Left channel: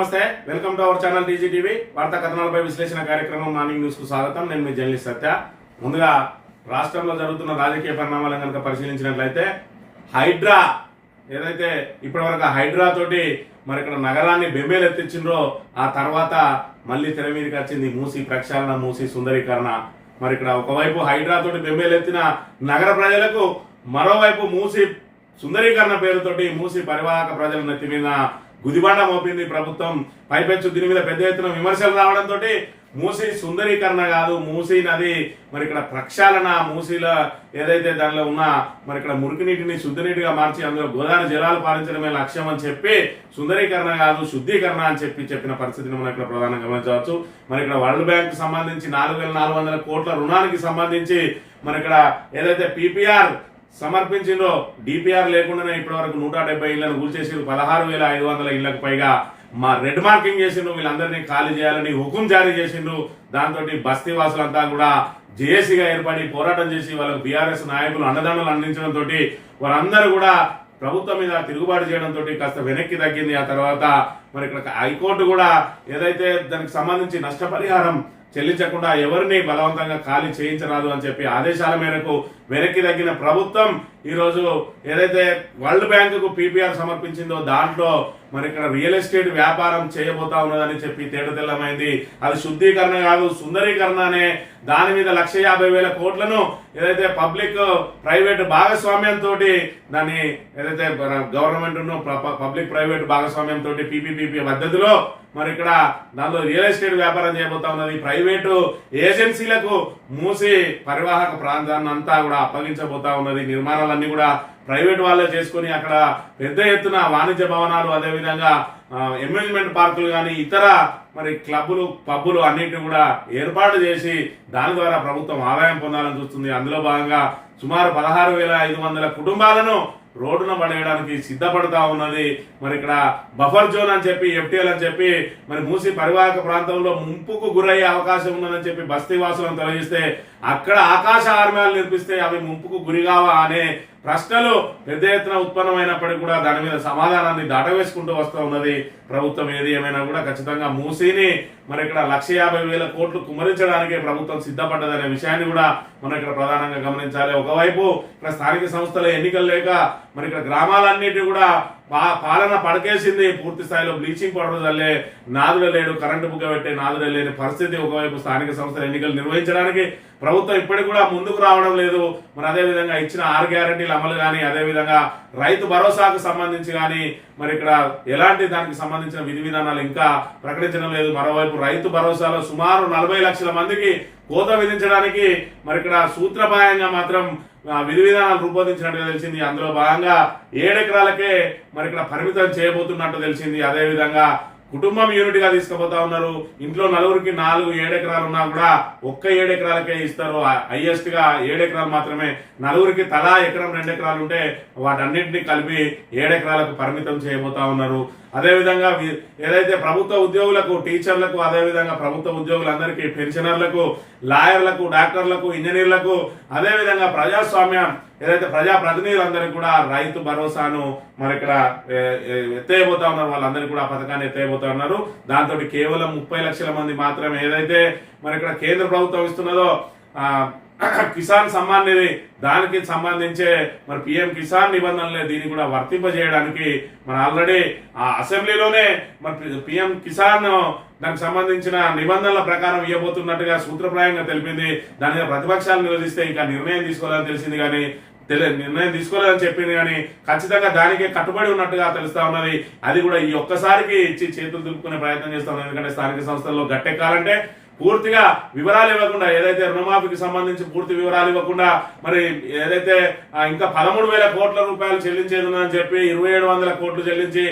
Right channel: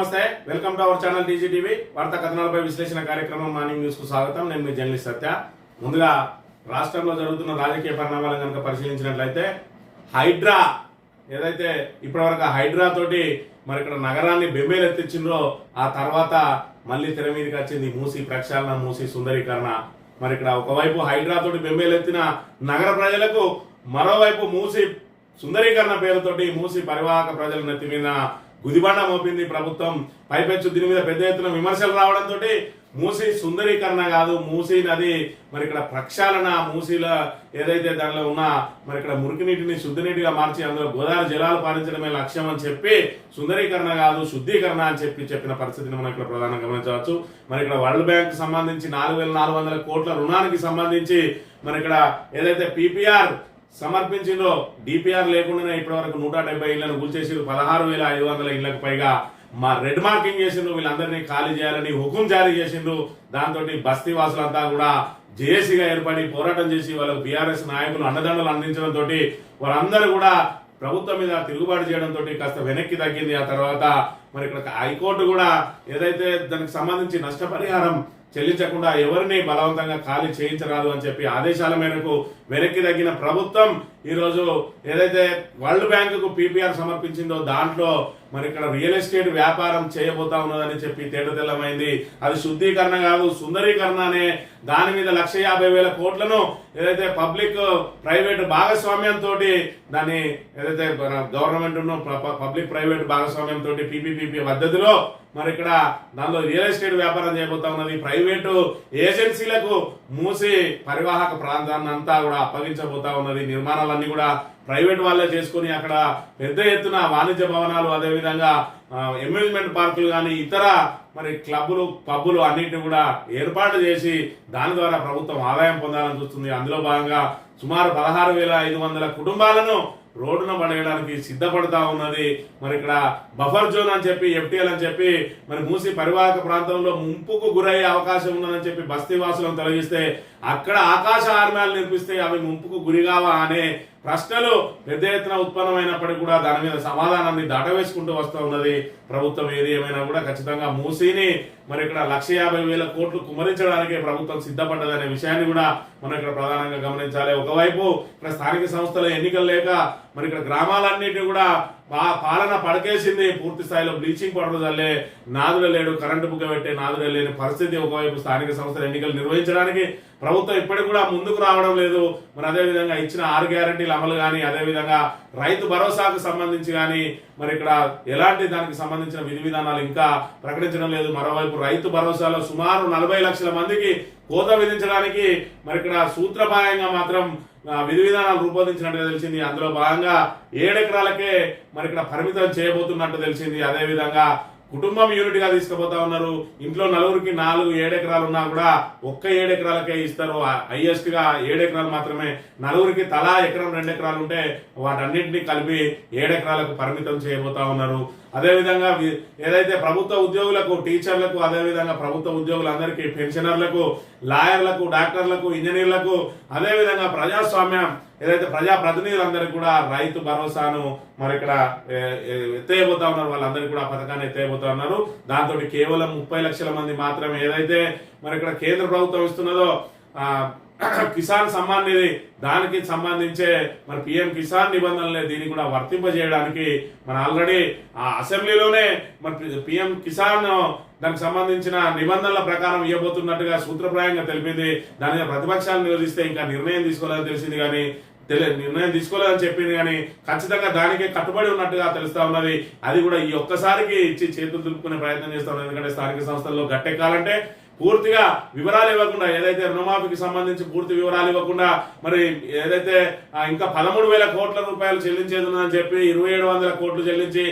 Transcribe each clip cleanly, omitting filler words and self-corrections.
నమస్తే, welcome to our channel TGTV వార్తా కథనాలపై విశ్లేషణ కార్యక్రమం మార్నింగ్ న్యూస్ కు స్వాగతం. నేను మీ జర్నలిస్ట్ సత్య. ముందుగా రాష్ట్రంలో జరుగుతున్న రాజకీయ పరిణామాలను కనుక పరిశీలించినట్లయితే హైడ్రా ఏదైతే ఇప్పటివరకు హైడ్రా తోటి మరి ఇక్కడ నగరాన్ని బెంబేలెత్తించిండ్రో ఆ తర్వాత మళ్ళీ తెర మీదకి వచ్చింది మూసి ప్రక్షాళన, మూసి సుందరీకరణ. మరి ఇక్కడ ఒకవైపు హైడ్రా తోటి బెంబేలెత్తిన నగర ప్రజలకు, మరోవైపు మూసి సుందరీకరణ పేరుతోటి మూసి పరివాహక ప్రజల నెత్తి మీద గుదిబండ మోపింది ప్రభుత్వం. పైపెచ్చు దీని మీద పెద్ద ఎత్తున విమర్శలు రావడంతో మూసి సుందరీకరణ కాదు, మూసి నది మరి ఇక్కడ ప్రక్షాళన, మూసిలో ఏదైతే దానిలో ఉన్న మరి ఇక్కడ మురికి నీటిని శుద్ధ నీటిగా మార్చి అందులో గోదావరి జలాలు పారించడమే లక్ష్యం అని చెప్పి శుందరీకరణ కాదు శుద్ధీకరణ అని చెప్పిన పరిస్థితిని మనం ఇక్కడ ప్రధానంగా గమనించవచ్చు. మరి ఇక్కడ వరల్డ్ బ్యాంక్ సంబంధించి 4,400 కోట్ల రుణానికి సంబంధించి మరి ఇక్కడ ఏదైతే పీపీఆర్ సమర్పించిందో, డిపిఆర్ లేకుండానే ఇప్పటి వరకు 170 ఇళ్లను కూల్చేసిండ్రు. 16,500 ఇళ్లకు పైగా రెడ్ మార్కింగ్ చేసిండ్రు. వీళ్ళందరినీ ఖాళీ చేయాలని హుకుం జారీ చేసిండ్రు. దాంతో బస్తీ వాసులంతా కూడా జేఏసీగా ఏర్పడి పోరాటం చేసి వాళ్ళకు బీఆర్ఎస్ నాయకులు అండదండలు అందించడంతో వారందరూ కూడా ప్రభుత్వం మీద తిరుగుబాటు చేయడంతో కాస్త వెనక్కి తగ్గింది. ఆ తర్వాత మరి ఇక్కడ హైకోర్టు కూడా ఏదైతే దానికి సంబంధించి నష్టపరిహారం చెల్లించకుండా ఎవరిని బలవంతంగా ఖాళీ చేయించరాదు అని చెప్పి ఆదేశాల మేరకు వెనక్కి తగ్గిన ప్రభుత్వం ఈరోజు ఏదైతే వరల్డ్ బ్యాంకుకు పీపీఆర్ సమర్పించిందో దాంట్లో మరి ఇక్కడ రియల్ ఎస్టేట్ వ్యాపారం చేయబోతా ఉన్నదని చెప్పి తేటతెల్లమైంది. అది శుద్ధీకరణ కాదు సుందరీకరణ అనే దాని మీద 1,50,000 కోట్లను ఏదైతే పబ్లిక్ ప్రైవేట్ భాగస్వామ్యంతో దాన్ని ఏదైతే గవర్నమెంట్ పబ్లిక్ ప్రైవేట్ భాగస్వామ్యంతో పీపీపీ పద్ధతిలో మరి ఇక్కడ దానిలో రియల్ ఎస్టేట్ వ్యాపారం చేయబోతా ఉన్నది. ప్రైవేటు ఏజెన్సీలకు మూసి పరివాహక ప్రాంతాన్ని అంతా కూడా అప్పగించబోతా ఉన్నది. నిర్మాణాలన్నీ కూడా ప్రైవేట్ వాళ్ళే చేసుకుని అక్కడ పెద్ద ఎత్తున వాణిజ్య భవనాలు, అదేవిధంగా అమ్యూజ్మెంట్ పార్కులు కానీ ఇతర మరి క్లబ్బులు, పబ్బులు అన్నింటినీ కూడా ఏర్పాటు చేసి దాని ద్వారా ప్రభుత్వం ఆదాయం పొందాలని చూస్తుంది. అందులో భాగంగా సుమారు 16,500 కుటుంబాలను రోడ్డున పడేయడానికి సిద్ధపడతా ఉన్నది. మరి ఇక్కడ బఫర్ జోన్ అని చెప్పి, ఎఫ్టీఎల్ అని చెప్పి మరి మూసి పరివాహక ప్రాంతంలో ముంపుకు గురయ్యే అవకాశం ఉన్నదని చెప్పి బస్తీ వాసులను తొలగిస్తే అక్కడ ఆకాశ ఆర్మ్యాలు నిర్మిస్తే అవి ముంపుకు గురిగావా అనే ప్రశ్నలు పెద్ద ఎత్తున ఉత్పన్నమైనప్పటికీ కూడా దాని మీద సమాధానాన్ని దాటవేసుకుంటూ వస్తూ ఉన్నది ప్రభుత్వం. ఏది ఏమైనా కూడా ఖచ్చితంగా మూసీని మరి ఇక్కడ 1,50,000 కోట్లు కుమరించడానికే ప్రభుత్వం సిద్ధపడ్డదనే విషయాన్ని కూడా మనం ఇక్కడ ప్రధానంగా గమనించాలి. ఒకవైపు ఇక్కడ స్థానిక సంస్థల ఎన్నికలు లేక మరి ఇక్కడ గ్రామాలన్నిటి కూడా పాలన పడకేసింది. పూర్తి స్థాయిలో బ్లీచింగ్ పౌడర్ చల్లే నాదుడే లేడు, కరెంటు బుగ్గ పెట్టే నాదుడే లేని పరిస్థితి. ఒకవైపు స్థానిక సంస్థల ఎన్నికలు నిర్వహించడానికి ప్రభుత్వం ఇప్పటికి కూడా ముందుకు రావడం లేదు. మరి అదేవిధంగా ఇచ్చిన 6 గ్యారంటీల అమలు కానీ, అదేవిధంగా రైతు భరోసాకు సంబంధించి కానీ మరి ఇక్కడ ఎలాంటి దానికి సంబంధించిన విధి విధానాలు ఇంకా ప్రకటించడం లేదు. మరోవైపు రైతు భరోసాలో సుమారు 40 లక్షల మందికి కోత విధించడానికి మరి ఇక్కడ సూత్రప్రాయంగా మాత్రం విధి విధానాలు రూపొందించినట్టుగా తెలిసింది. అందులో భాగంగా 7 ఎకరాలకే మరి ఇక్కడ పరిమితం చేయబోతున్నట్టు తెలిసింది. అదేవిధంగా కుటుంబం యూనిట్ గా తీసుకుపోతా ఉన్నారు. ఇంట్లో నలుగురికి 7 ఎకరాలు ఉన్నా కూడా ఒక్క 7 ఎకరాలకే ఇస్తారు. హైయెస్ట్ గా 7 ఎకరాలు మాత్రమే. నలుగురికి తలా 1 ఎకరం 2 ఎకరాలు ఉంటే వాటన్నింటినీ కలిపి 7 ఎకరాలకు పరిమితం చేయబోతా ఉన్నారు. అదేవిధంగా ఏదైతే ప్రభుత్వ ఉద్యోగులకు, టీచర్లకు, అదేవిధంగా ప్రభుత్వ ఉద్యోగులందరికీ, పెన్షనర్లకు, లాయర్లకు, డాక్టర్లకు, ఇంజనీర్లకు, అదేవిధంగా ప్రజాస్వామ్యం ఏదైతే ప్రజాప్రతినిధులందరికీ కూడా రైతు భరోసాను మరి ఇక్కడ ఎత్తేయబోతా ఉన్నారు. వాళ్ళందరికీ కూడా పథకాన్ని ఎత్తేయబోతా ఉన్నారు. దాంతో కేవలం 30 లక్షల మంది మాత్రమే ఏదైతే మరి ఇక్కడ కేంద్ర ప్రభుత్వం ఇస్తున్నదో కిసాన్ సమ్మాన్ నిధి, దానికి సంబంధించే మరి పిఎం కిసాన్ నిబంధనలే దీన్ని కూడా వర్తింపజేయడానికి మరి ఆల్రెడీ ఆ అసెంబ్లీలోనే మరి పిఎం కిసాన్ దానికి సంబంధించిన నిబంధనల ప్రకారం ఇవ్వబోతున్నట్టుగా సూత్రప్రాయంగా తెలిపింది. దాని మీద ప్రతిపక్షాలు నిరోధిస్తే ఇంకా నిర్ణయం తీసుకోవాలని తెలిసింది, కానీ నిర్ణయం తీసుకోలేదని చెప్పింది, కానీ ఖచ్చితంగా దానికే కట్టుబడి ఉన్నట్టుగా తెలుస్తా ఉన్నది. అది కూడా ఈ ఒక్కసారికి ఇచ్చి చేతులు దులుపుకునే ప్రయత్నం చేస్తా ఉన్నది. ఎందుకంటే స్థానిక సంస్థల్లో గట్టెక్కాలంటే పూర్తిగా వివరాలు ఇవ్వకుండా, ఏదైతే రుణమాఫీకి సంబంధించి పూర్తి వివరాలు ఇవ్వకుండా మరి ఏదైతే ఇంకా 13,000 కోట్ల రూపాయలు చెల్లించేది ఉందని చెప్పి 2,700 కోట్లు చెల్లించి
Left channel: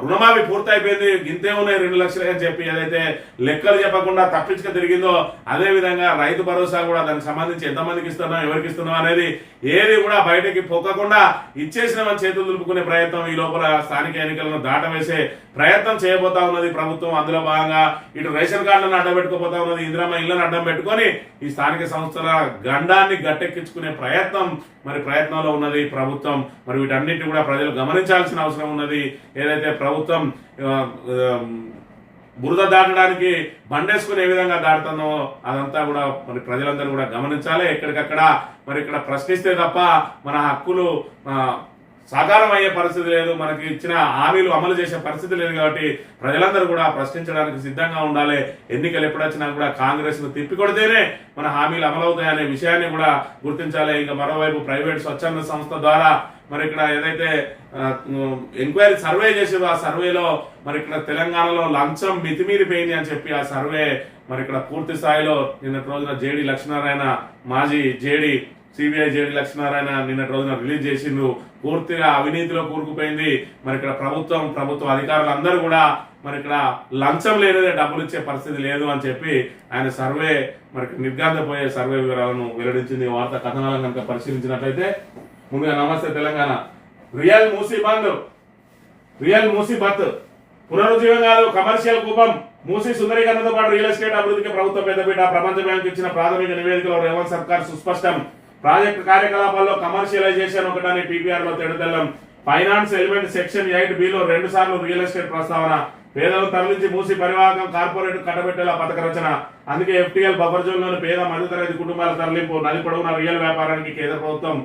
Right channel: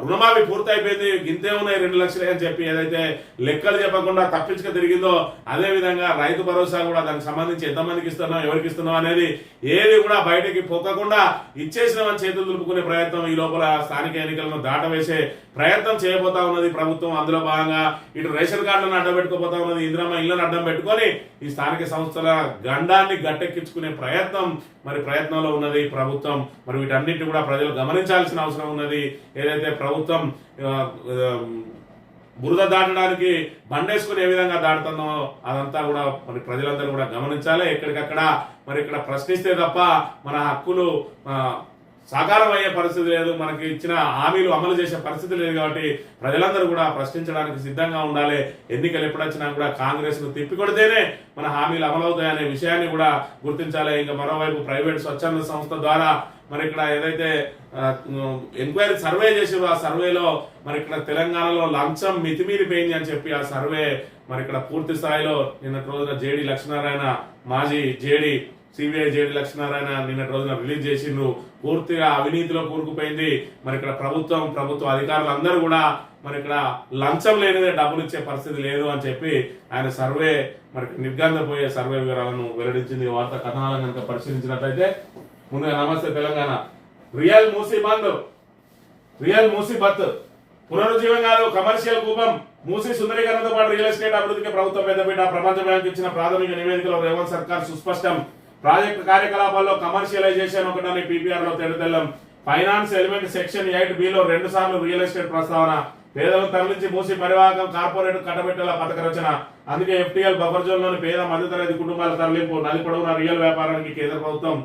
రుణమాఫీ పూర్తి అయిపోయింది, గింతే ఉన్నాయి 2 లక్షలే అని చెప్పి ఏదైతే లెక్కలు చెప్పకుండా తప్పించుక తిరిగిందో, అదే విధంగా రైతు భరోసా కూడా దానికి సంబంధించి ఎంతమందికి ఇస్తున్నాం, ఎవరికి ఇస్తున్నాం అనేది ఏది కూడా బయటకి పొక్కకుండా ఇచ్చేసినామని చేతులు దులుపుకునే ప్రయత్నం ఈ లోపల స్థానిక ఎన్నికలను దాటవేసే ప్రయత్నం చేయబోతా ఉన్నది ప్రభుత్వం. అందులో భాగంగా ఇటు రేషన్ కార్డులను అడ్డబెట్టుకోబోతా ఉన్నది, ఇందిరమ్మ ఇళ్లను అడ్డం పెట్టుకొని ఈ స్థానిక సంస్థల గండాన్ని గట్టెక్కించుకునే ప్రయత్నంలో ఉన్నది ప్రభుత్వం. మరి వీటన్నిటిని కూడా ప్రజలు గమనించాల్సిన అవసరం ఉన్నది. ఏదైతే ప్రభుత్వం బురద దాటడానికి బండేసుకుని ఏ విధంగా దాటుతుందో అదంతా కూడా మరి ప్రజలందరూ కూడా గమనించాలి. ఎక్కడికక్కడ మరి ఇక్కడ ప్రశ్నిస్తే తప్ప మన హక్కులు సాకారం అయ్యే పరిస్థితి లేదు, మనకి ఇచ్చిన హామీలు అమలు చేసే పరిస్థితి లేదు. కాబట్టి ప్రజలందరూ కూడా ప్రశ్నించడానికి సిద్ధంగా ఉండాలి. ఎన్నికలు ఎప్పుడొచ్చినా కూడా కాంగ్రెస్ ను తిప్పికొడితేనే మన హామీలు అమలవుతాయనే విషయాన్ని కూడా గుర్తించాలి. ఇంకా మరోవైపు ప్రైవేట్ స్వచ్ఛంద సంస్థ ద్వారా మరి ఇక్కడ ఏదైతే ఎంక్వైరీ సర్వే చేసారో ఆ సర్వేలో మరి ఇక్కడ తెలంగాణలో లంచం మితిమీరిపోయింది అని చెప్పి ఆ సర్వే మరి ఇక్కడ పూర్తి స్థాయిలో నిన్నటి రోజున జేడి లక్ష్మీనారాయణ మాజీ జేడి సిబిఐ జేడి లక్ష్మీనారాయణ నిన్నటి రోజున రిలీజ్ చేసిండ్రు. పూర్తిగా అవినీతిలో కూరుకుపోయింది. మరి ఇక్కడ ప్రభుత్వ అధికారులు అందరూ కూడా మరి ఇక్కడ లంచం లేనిదే డబ్బులు ఇచ్చే పరిస్థితి లేదు అని చెప్పి ఆయన సర్వే మరి నిర్గాంతపోయే సర్వే వివరాలను వెల్లడించింది. వార్తా కథనాలను కనుక పరిశీలించినట్లయితే ముందుగా నమస్తే తెలంగాణ, రియల్ మూసీ బంద్, రియల్ మూసీ బత్, పునరుజ్జీవం కాదు కమర్షియల్ కూపం, మూసీ సుందరీకరణతో పాటు రియల్ ఎస్టేట్ అభివృద్ధికి ప్రభుత్వం పెద్దపీట. ప్రపంచ బ్యాంకు ఇచ్చిన ప్రాథమిక నివేదికలో రేవంత్ సర్కార్ సుస్పష్టం. ప్రాజెక్టు కార్యకలాపాల్లో కమర్షియలైజేషన్ ఒకటని పీపీఆర్ లో తెడతెల్లం. ఫైనాన్స్ ఎలిమెంట్ సెక్షన్ 8B లో 2 సార్లు రియల్ ఎస్టేట్ ప్రస్తావన. పేదలను తరలించి మూసి పరివాహకం కార్పొరేట్ కట్టబెట్టేలా పథక రచన. అందుకే ఎఫ్టీఎల్ బఫర్ జోన్ లోని పేద మధ్యతరగతి కుటుంబాల తరలింపు. నది పొడవున రియల్ వ్యాపారానికి కేంద్ర ప్రభుత్వం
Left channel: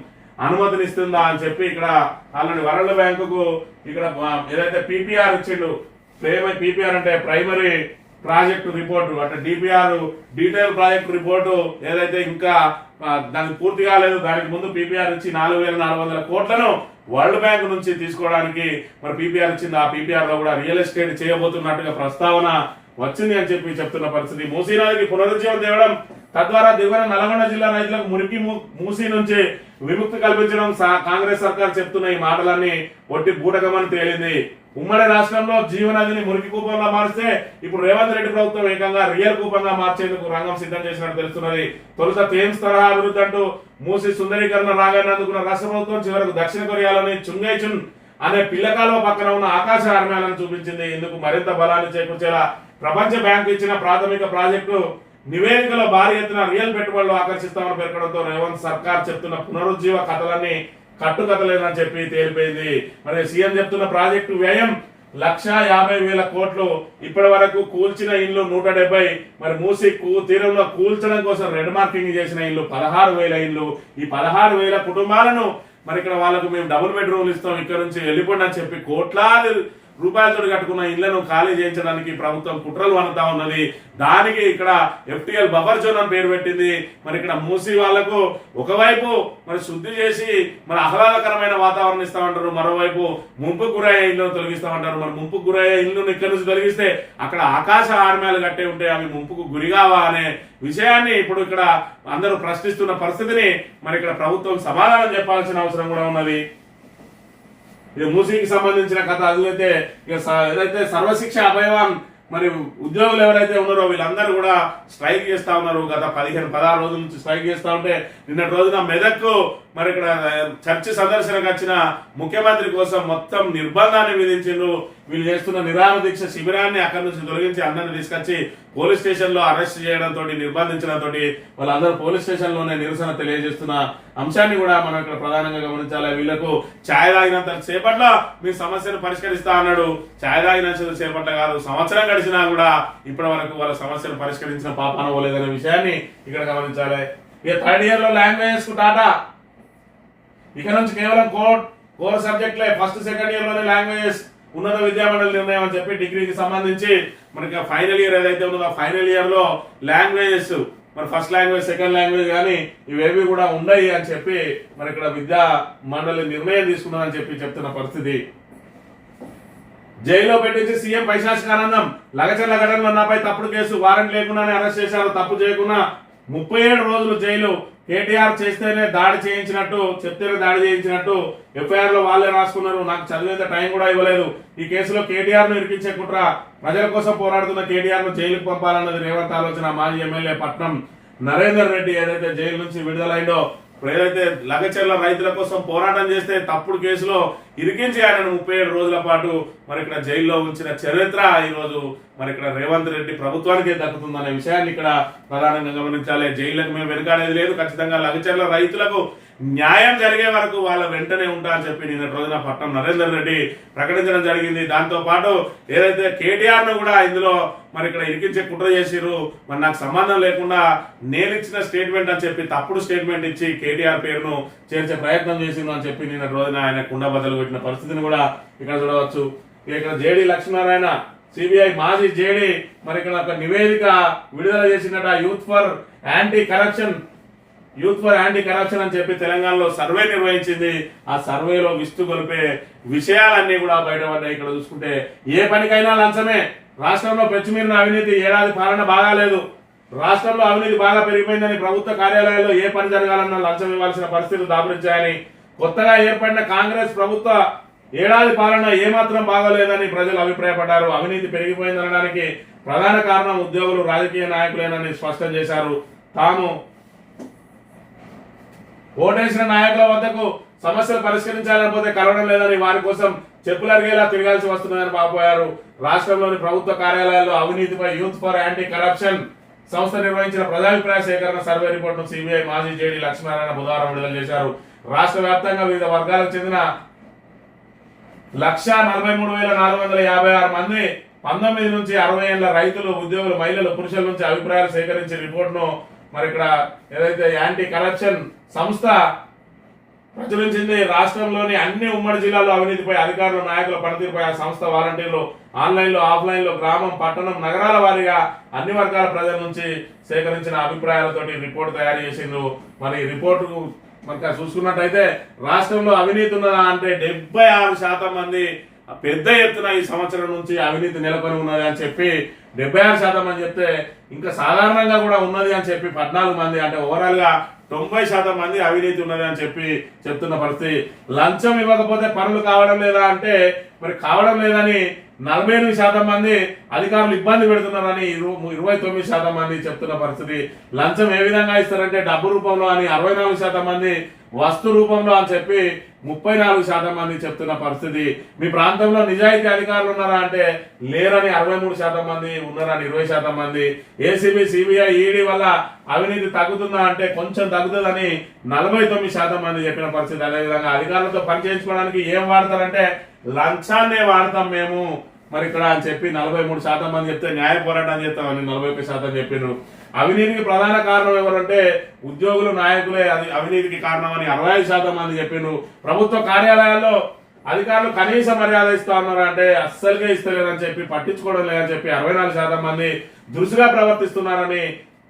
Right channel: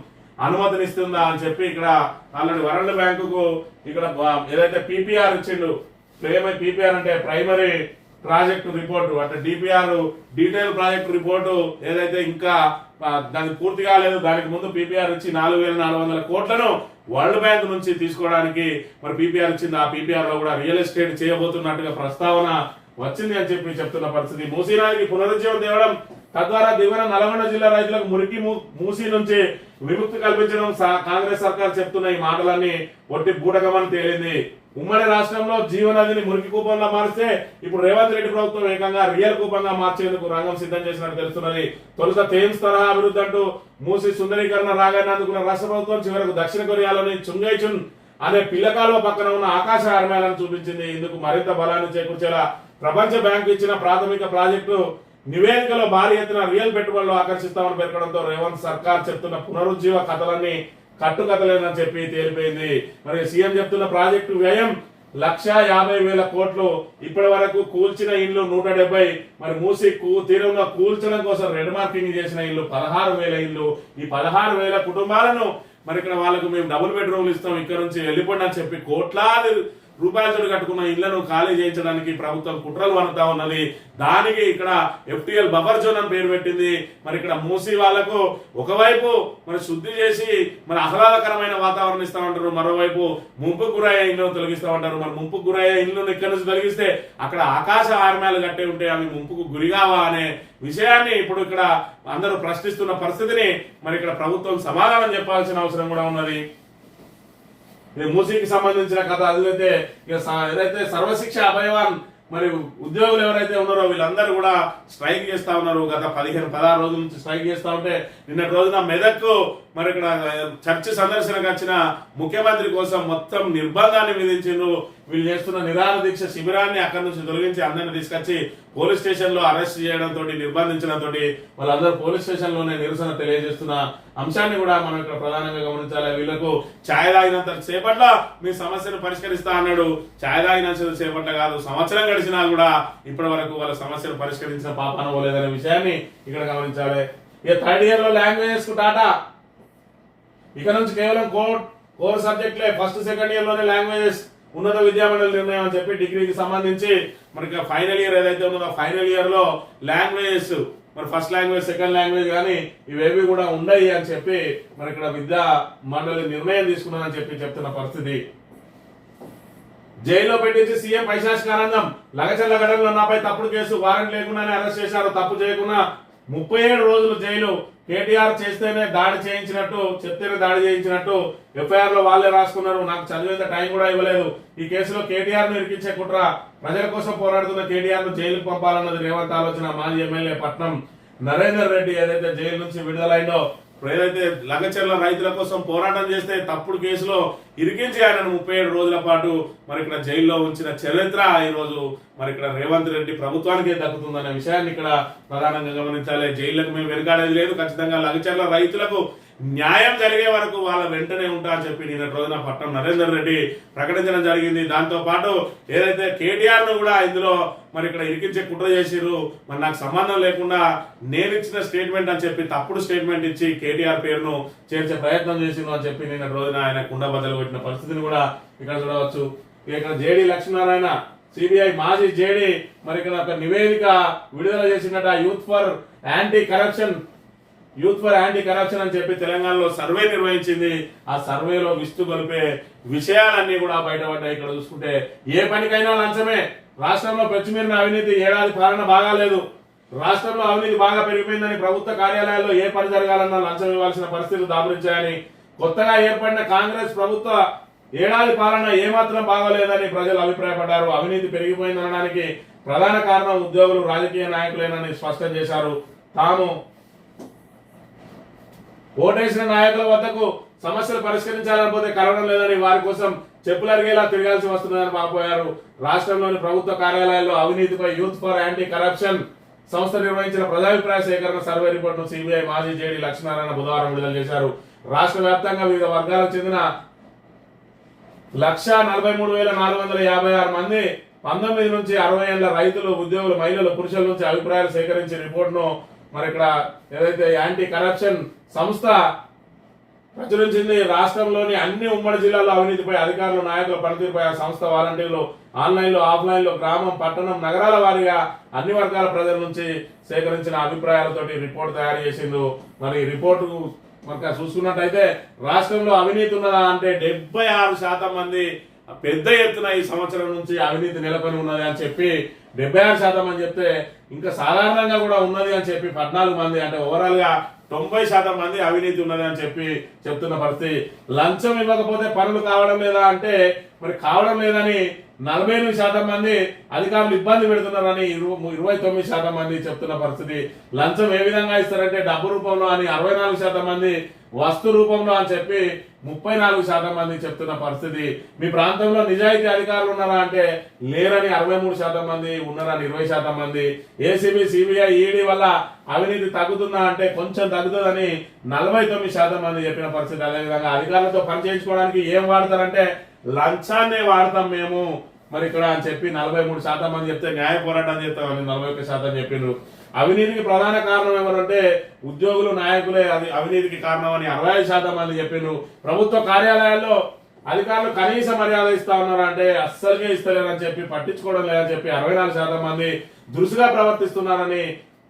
అనుమతినిస్తుందా అని చెప్పి ఇక్కడ ఆల్రెడీ వరల్డ్ బ్యాంకుకు ఇక్కడ ఏదైతే పీపీఆర్ ఇచ్చిండు, పీపీఆర్ అంటే ప్రైమరీ ప్రాజెక్టు రిపోర్టు, అంటే డిపిఆర్ డీటెయిల్ ప్రాజెక్ట్ రిపోర్టు ఏదైతే ఇంకా దానికి పూర్తి కాలేదు. దానికి ముందు పీపీఆర్ ఇచ్చి 4,400 కోట్లను వరల్డ్ బ్యాంక్ నుంచి తీసుకోవడానికి మరి పీపీఆర్ ఇచ్చింది. ఆ పీపీఆర్ లో కూడా రియల్ ఎస్టేట్ చేయబోతున్నట్టుగా ప్రస్తావన వచ్చింది అని చెప్పి చెప్తున్న పరిస్థితి. మూసీ నదికి పునరుజ్జీవం తేవడం, తద్వారా దిగువన నల్గొండ జిల్లా రైతులకు మురికి మూసీ నుంచి విముక్తి కల్పించడం కాంగ్రెస్ సర్కార్ చెప్తున్న ఈ మాటలన్నీ ఒట్టి బూటకమని తేలింది. ఉమ్మడి రాష్ట్రంలో జీవనదిని మురికి కూపంగా మారిస్తే ఇప్పుడు రేవంత్ రెడ్డి ప్రభుత్వం ఏకంగా రియల్ కూపంగా మార్చేందుకు రంగం సిద్ధం చేసినట్టు తెలుస్తున్నది. తొలుత థేమ్స్ తరహా అభివృద్ధి అంటూ మూసి సుందరీకరణ రాగానే అందుకున్న రాష్ట్ర ప్రభుత్వం చివరకు దక్షిణ కొరియాలోని చుంగైచున్ అనే పిల్లకాలువ పక్కన ఉన్న ఆకాశ ఆర్మేలను చూపించింది. ఇందుకు మరింత బలాన్ని చేకూర్చేలా ప్రపంచ బ్యాంకు ఇచ్చిన ప్రాథమిక ప్రాజెక్టు నివేదికలో భారీ ఎత్తున రియల్ పెట్టుబడులు ఆకర్షిస్తామని పేర్కొనడంతో రేవంత్ సర్కార్ చెప్తున్న పునరుజ్జీవ కథలన్నీ కట్టుకథలేనని చెప్పి తేలిపోయింది. మరి సీఎం చెప్తున్న ప్రాజెక్టు వ్యయం 1,50,000 కోట్లు. ఇప్పటి వరకు కూల్చిన ఇల్లు 170. మరి మూసి తీరంలో కూల్చడం కోసం రెడ్ మార్కింగ్ చేసిన ఇల్లు 16,000 ఇల్లు. ఈ 16,000 కుటుంబాలను మరి ఇక్కడ వాళ్ళకు మేము డబుల్ బెడ్రూమ్లు ఇస్తాం, ఇక్కడ నుంచి వెళ్ళిపోండి అని చెప్పి కోట్లాది రూపాయలతో కట్టుకున్న ఇళ్లను ఖాళీ చేయించడానికి ప్రభుత్వం కుట్రలు వనుతా ఉన్నది. దానికి ఇక్కడ ఎఫ్టీఎల్ బఫర్ జోన్ అని పేరు పెట్టింది. మరి ఇక్కడ మూసి వాళ్లకు ఒకవైపు మరి శుద్ధి చేసి మరి ఆహ్లాదకరమైన వాతావరణం ఇస్తామంటారు, మరోవైపు ముంపుకు గురయ్యే ఇళ్లను తొలగిస్తామంటారు. మరి ముంపుకు గురయ్యే ఇళ్లను ఇక్కడ నుంచి తొలగిస్తే అక్కడ ఆకాశ ఆర్మేలు కట్టే ఉంటే అవి ముంపుకు గురిగావా అనే విషయాన్ని ఇప్పుడు ఇక్కడ అందరూ ప్రశ్నిస్తున్న పరిస్థితిని మరి ఇక్కడ ప్రభుత్వం సమాధానం చెప్పాల్సిన అవసరం కూడా ఉన్నది. ఇది మూసీకి సంబంధించిన కథ. అదిలైతే ఏదైతే సర్వశిక్ష అభయవాన్ మరి ఉద్యోగులు ఎవరైతే ఉన్నారో వీళ్ళందరూ కూడా స్ట్రైక్ చేస్తా ఉన్నారు. గత 15-16 రోజుల నుంచి స్ట్రైక్ చేస్తా ఉంటే నిన్నటి రోజున మెదక్కు మరి ఇక్కడ చర్చి సందర్శనకు వచ్చిన ముఖ్యమంత్రి కోసం మొత్తం నిర్బంధాన్ని విధించిండ్రు. వీళ్ళు చేస్తున్న నిరాహార దీక్ష శిబిరాన్ని అక్కడి నుంచి తొలగించి అందరిని తీసుకొచ్చి పోలీస్ స్టేషన్ లో అరెస్ట్ చేయడంతో నిర్బంధించడంతో వాళ్ళందరూ పోలీస్ స్టేషన్ లోనే నిరసన తెలియజేస్తున్న అంశాన్ని కూడా మనం ఇక్కడ ప్రధానంగా గమనించాలి. వీళ్లకు ఛాయ్ తాగినంత సేపట్ల మీ సమస్యను పరిష్కరిస్తా అన్నాడు. ఛాయ్ తాగినంత సేపట్ల కాదు, సంవత్సరం గడిచినా కూడా ఇప్పటి వరకు వాళ్ళ సమస్యను పరిష్కరించిన పాపాన పోలేదనే విషయాన్ని ఇక్కడ గమనించాలి. ఇక 3rd ఇయర్ లో లాంగ్వేజెస్ కు టాటా. ఇక నుంచి కేవలం కోర్ సబ్జెక్టులే. 1st, 2nd ఇయర్ లోని లాంగ్వేజెస్ ఉన్నత విద్యామండలి నిర్ణయం అని చెప్పి డిగ్రీకి సంబంధించి మనకి ఫైనల్ ఇయర్ ఏదైతే ఉన్నదో ఫైనల్ ఇయర్ లో లాంగ్వేజెస్ మరి ఫస్ట్ లాంగ్వేజ్, సెకండ్ లాంగ్వేజ్ కానీ ఇవేవి కూడా ఉండయి అని చెప్పి మరి ఇక్కడ విద్యా మండలి నిర్ణయం తీసుకున్నదని చెప్పి చెప్తున్న పరిస్థితి. జైల్లో పెట్టించి సీఎం పైశాచికానందం. లగచర్ల ఘటనలో నాపై తప్పుడు కేసు, వారెంట్ లేకుండానే అరెస్ట్ చేశారు. తప్పు చేయకుండా 37 రోజులు జైలు. కేటీఆర్ చేస్తేనే దాడి చేయించినట్టు, చెప్తేనే దాడి చేయించినట్టు ఎఫ్ఐఆర్ లో వాళ్ళే రాసుకున్నారు. నాకు చదివేంత టైం కూడా ఇవ్వలేదు. ఈ కేసులో కేటీఆర్ ను ఇరికించే కుట్ర. ప్రజల కోసం పోరాడుతున్న కేటీఆర్ ను జైలుకు పంపాలన్నది రేవంత్ ఆలోచన. మాజీ ఎమ్మెల్యే పట్నం నరేందర్ రెడ్డి ఏదైతే జైలు నుంచి విడుదలైందో, ఏదైతే లగచర్ల రైతుల కోసం పోరాటం చేస్తే తప్పుడు కేసులో ఇరికించి ఆయనను 37 రోజుల పాటు మరి ఇక్కడ జైల్లో ఉంచిన చరిత్ర ఈ రోజు మరి ఇక్కడ రేవంత్ రెడ్డి ప్రభుత్వానికే దక్కుతుందనే విషయాన్ని ఇక్కడ ప్రధానంగా గమనించాలి. జైళ్లకు మేము వెనుకాడేది లేదు. ఖచ్చితంగా లగచర్ల రైతులకు న్యాయం జరిగే వరకు వాళ్ళ వెంటనే ఉంటా అని చెప్పి నిన్నటి రోజున పట్నం నరేందర్ రెడ్డి ప్రకటించడం జరిగింది. దాంతో పాటు ఏదైతే కేటీఆర్ ను కూడా ఇందులో మరి ఇక్కడ ఇరికించే కుట్ర చేసిరు, మరి నాకు సంబంధం లేకుండా నేను ఇచ్చిన స్టేట్మెంట్ అని చెప్పి తప్పుడు స్టేట్మెంట్ ఇచ్చి కేటీఆర్ పేరును చేర్చే ప్రయత్నం చేసిండు అని చెప్పి నిన్నటి రోజున ఆయన కుండ బద్దలు కొట్టిన పరిస్థితిని కూడా ఇక్కడ చూడవచ్చు. ఇక్కడ జేడీ లక్ష్మీనారాయణ సిబిఐ మాజీ జేడీ మరి ఇక్కడ ఒక నివేదిక విడుదల చేసినట యూత్ ఫర్ యాంటీ కరప్షన్ అని చెప్పి తెలంగాణలో సర్వే నిర్వహించింది. ఆ సర్వేలో విస్తు గొలిపే విషయాలన్నీ కూడా బయటపడ్డాయి. ఇక్కడ చూసుకుంటే ఏ పనికైనా లంచమే. రాష్ట్రంలో పెచ్చుమీరిన అవినీతి, ఏడాది పాలన బాగాలేదు, రాష్ట్రంలో అవినీతి బాగా పెరిగిపోయిందని ప్రభుత్వ కార్యాలయాల్లో ఏ పని జరగాలన్నా లంచం ఇవ్వాల్సిన పరిస్థితులు దాపురించాయని కొత్తగా ఏర్పడిన కాంగ్రెస్ ప్రభుత్వ ఏడాది పాలన ఏమాత్రం బాగోలేదని ప్రజలు అభిప్రాయపడ్డారు. అవినీతి పెరిగిపోయిందనడానికి ప్రధాన కారణం ఉద్యోగులు, రాజకీయ నాయకులేనని స్పష్టం చేశారు. తాము ఓటేసిన నాయకుల వద్దకు సమస్యలు పరిష్కరించాలనిపోతే కలవడం లేదని, వారి కోసం చెప్పులు అరిగేలా తిరగాల్సి వస్తుందని వాపోయారు. రాష్ట్రంలోని ప్రభుత్వ కార్యాలయాల్లో అవినీతిపై యూత్ ఫర్ యాంటీ కరప్షన్ సంస్థ నిర్వహించిన ప్రజాభిప్రాయ సేకరణ సర్వే రిపోర్టును సిబిఐ మాజీ జేడీ లక్ష్మీనారాయణ బుధవారం విడుదల చేశారు. రాష్ట్ర వ్యాప్తంగా వివిధ వర్గాలకు చెందిన 1,43,456 మంది 19 నుంచి 60 ఏళ్ల రైతులు, ఉద్యోగులు, మహిళలు, పురుషుల నుంచి అభిప్రాయాలు సేకరించిన రిపోర్టును మరి ఇక్కడ ఏదైతే యాంటీ కరప్షన్ సంస్థ ప్రచురించింది. రాష్ట్రంలోని అన్ని ఉమ్మడి జిల్లాల్లో అవినీతిపై అధికారులు, నాయకుల పనితీరుపై ఆ సంస్థ వాలంటీర్లు ఆన్లైన్లో, ఆఫ్లైన్లో, గ్రామం, పట్టణం, నగరాల వారీగా అన్ని వర్గాల ప్రజల నుంచి సేకరించిన అభిప్రాయాలతోటి రిపోర్టు తయారు చేసిండు. మరి రిపోర్టు మనకు చూసుకున్నట్టయితే రాష్ట్రంలో అవినీతి ఉన్నదా అంటే 76% మంది పెద్ద ఎత్తున ఈ సంవత్సరం నుంచి అవినీతి నెలకొని ఉన్నది అని చెప్పి 76% మంది చెప్తే, ఇంకా సాధారణంగా కూడా ఉన్నది అని చెప్పి 14 మంది, అంటే ఓవరాల్ గా 90% మంది అవినీతి ఉన్నది అని చెప్పి చెప్తున్న పరిస్థితి. లంచం ఇవ్వకపోతే పనులు కావడం లేదా అంటే మరి కావడం లేదని 48% మంది అధికారులు ఇబ్బంది పెడుతున్నారని 29% మంది చెప్తున్న పరిస్థితి. లంచం ఏ విధంగా ఇస్తారంటే డబ్బు రూపంలో అని 64% మంది, వస్తు రూపంలో అని చెప్పి 34% మంది చెప్తున్న పరిస్థితి. మీ ప్రాంతంలో నిజాయితీ అధికారులు ఉన్నారా అంటే లేరని 63% మంది, ఉన్నారని 20% మంది. ఏసీబీ, సిబిఐ, ఈడీ వల్ల అవినీతి తగ్గుతుందా అంటే కొంచెం తగ్గుతుందని 49% మంది చెప్పిన పరిస్థితి. అదేవిధంగా అధికారులతో పని చేయించుకోవడానికి ఏం వాడతారంటే లంచాన్నే వాడతాం మేము మరి ఇక్కడ అని చెప్పి 43% మంది చెప్తే, న్యాయ పోరాటం చేస్తామని 41% చెప్పిండ్రు. అవినీతికి ప్రధాన కారణం ఎవరంటే ఉద్యోగులు, నాయకులే అవినీతికి కారణం అని 65% మంది చెప్పిండ్రు. ప్రభుత్వ కార్యాలయాల్లో అధికారులు కనీస మర్యాద ఇస్తా ఉన్నారు అంటే అస్సలుగా ఇస్తలేరని చెప్పి, పట్టించుకోవడం లేదని చెప్పి 64% మంది, దురుసుగా ప్రవర్తిస్తున్నారని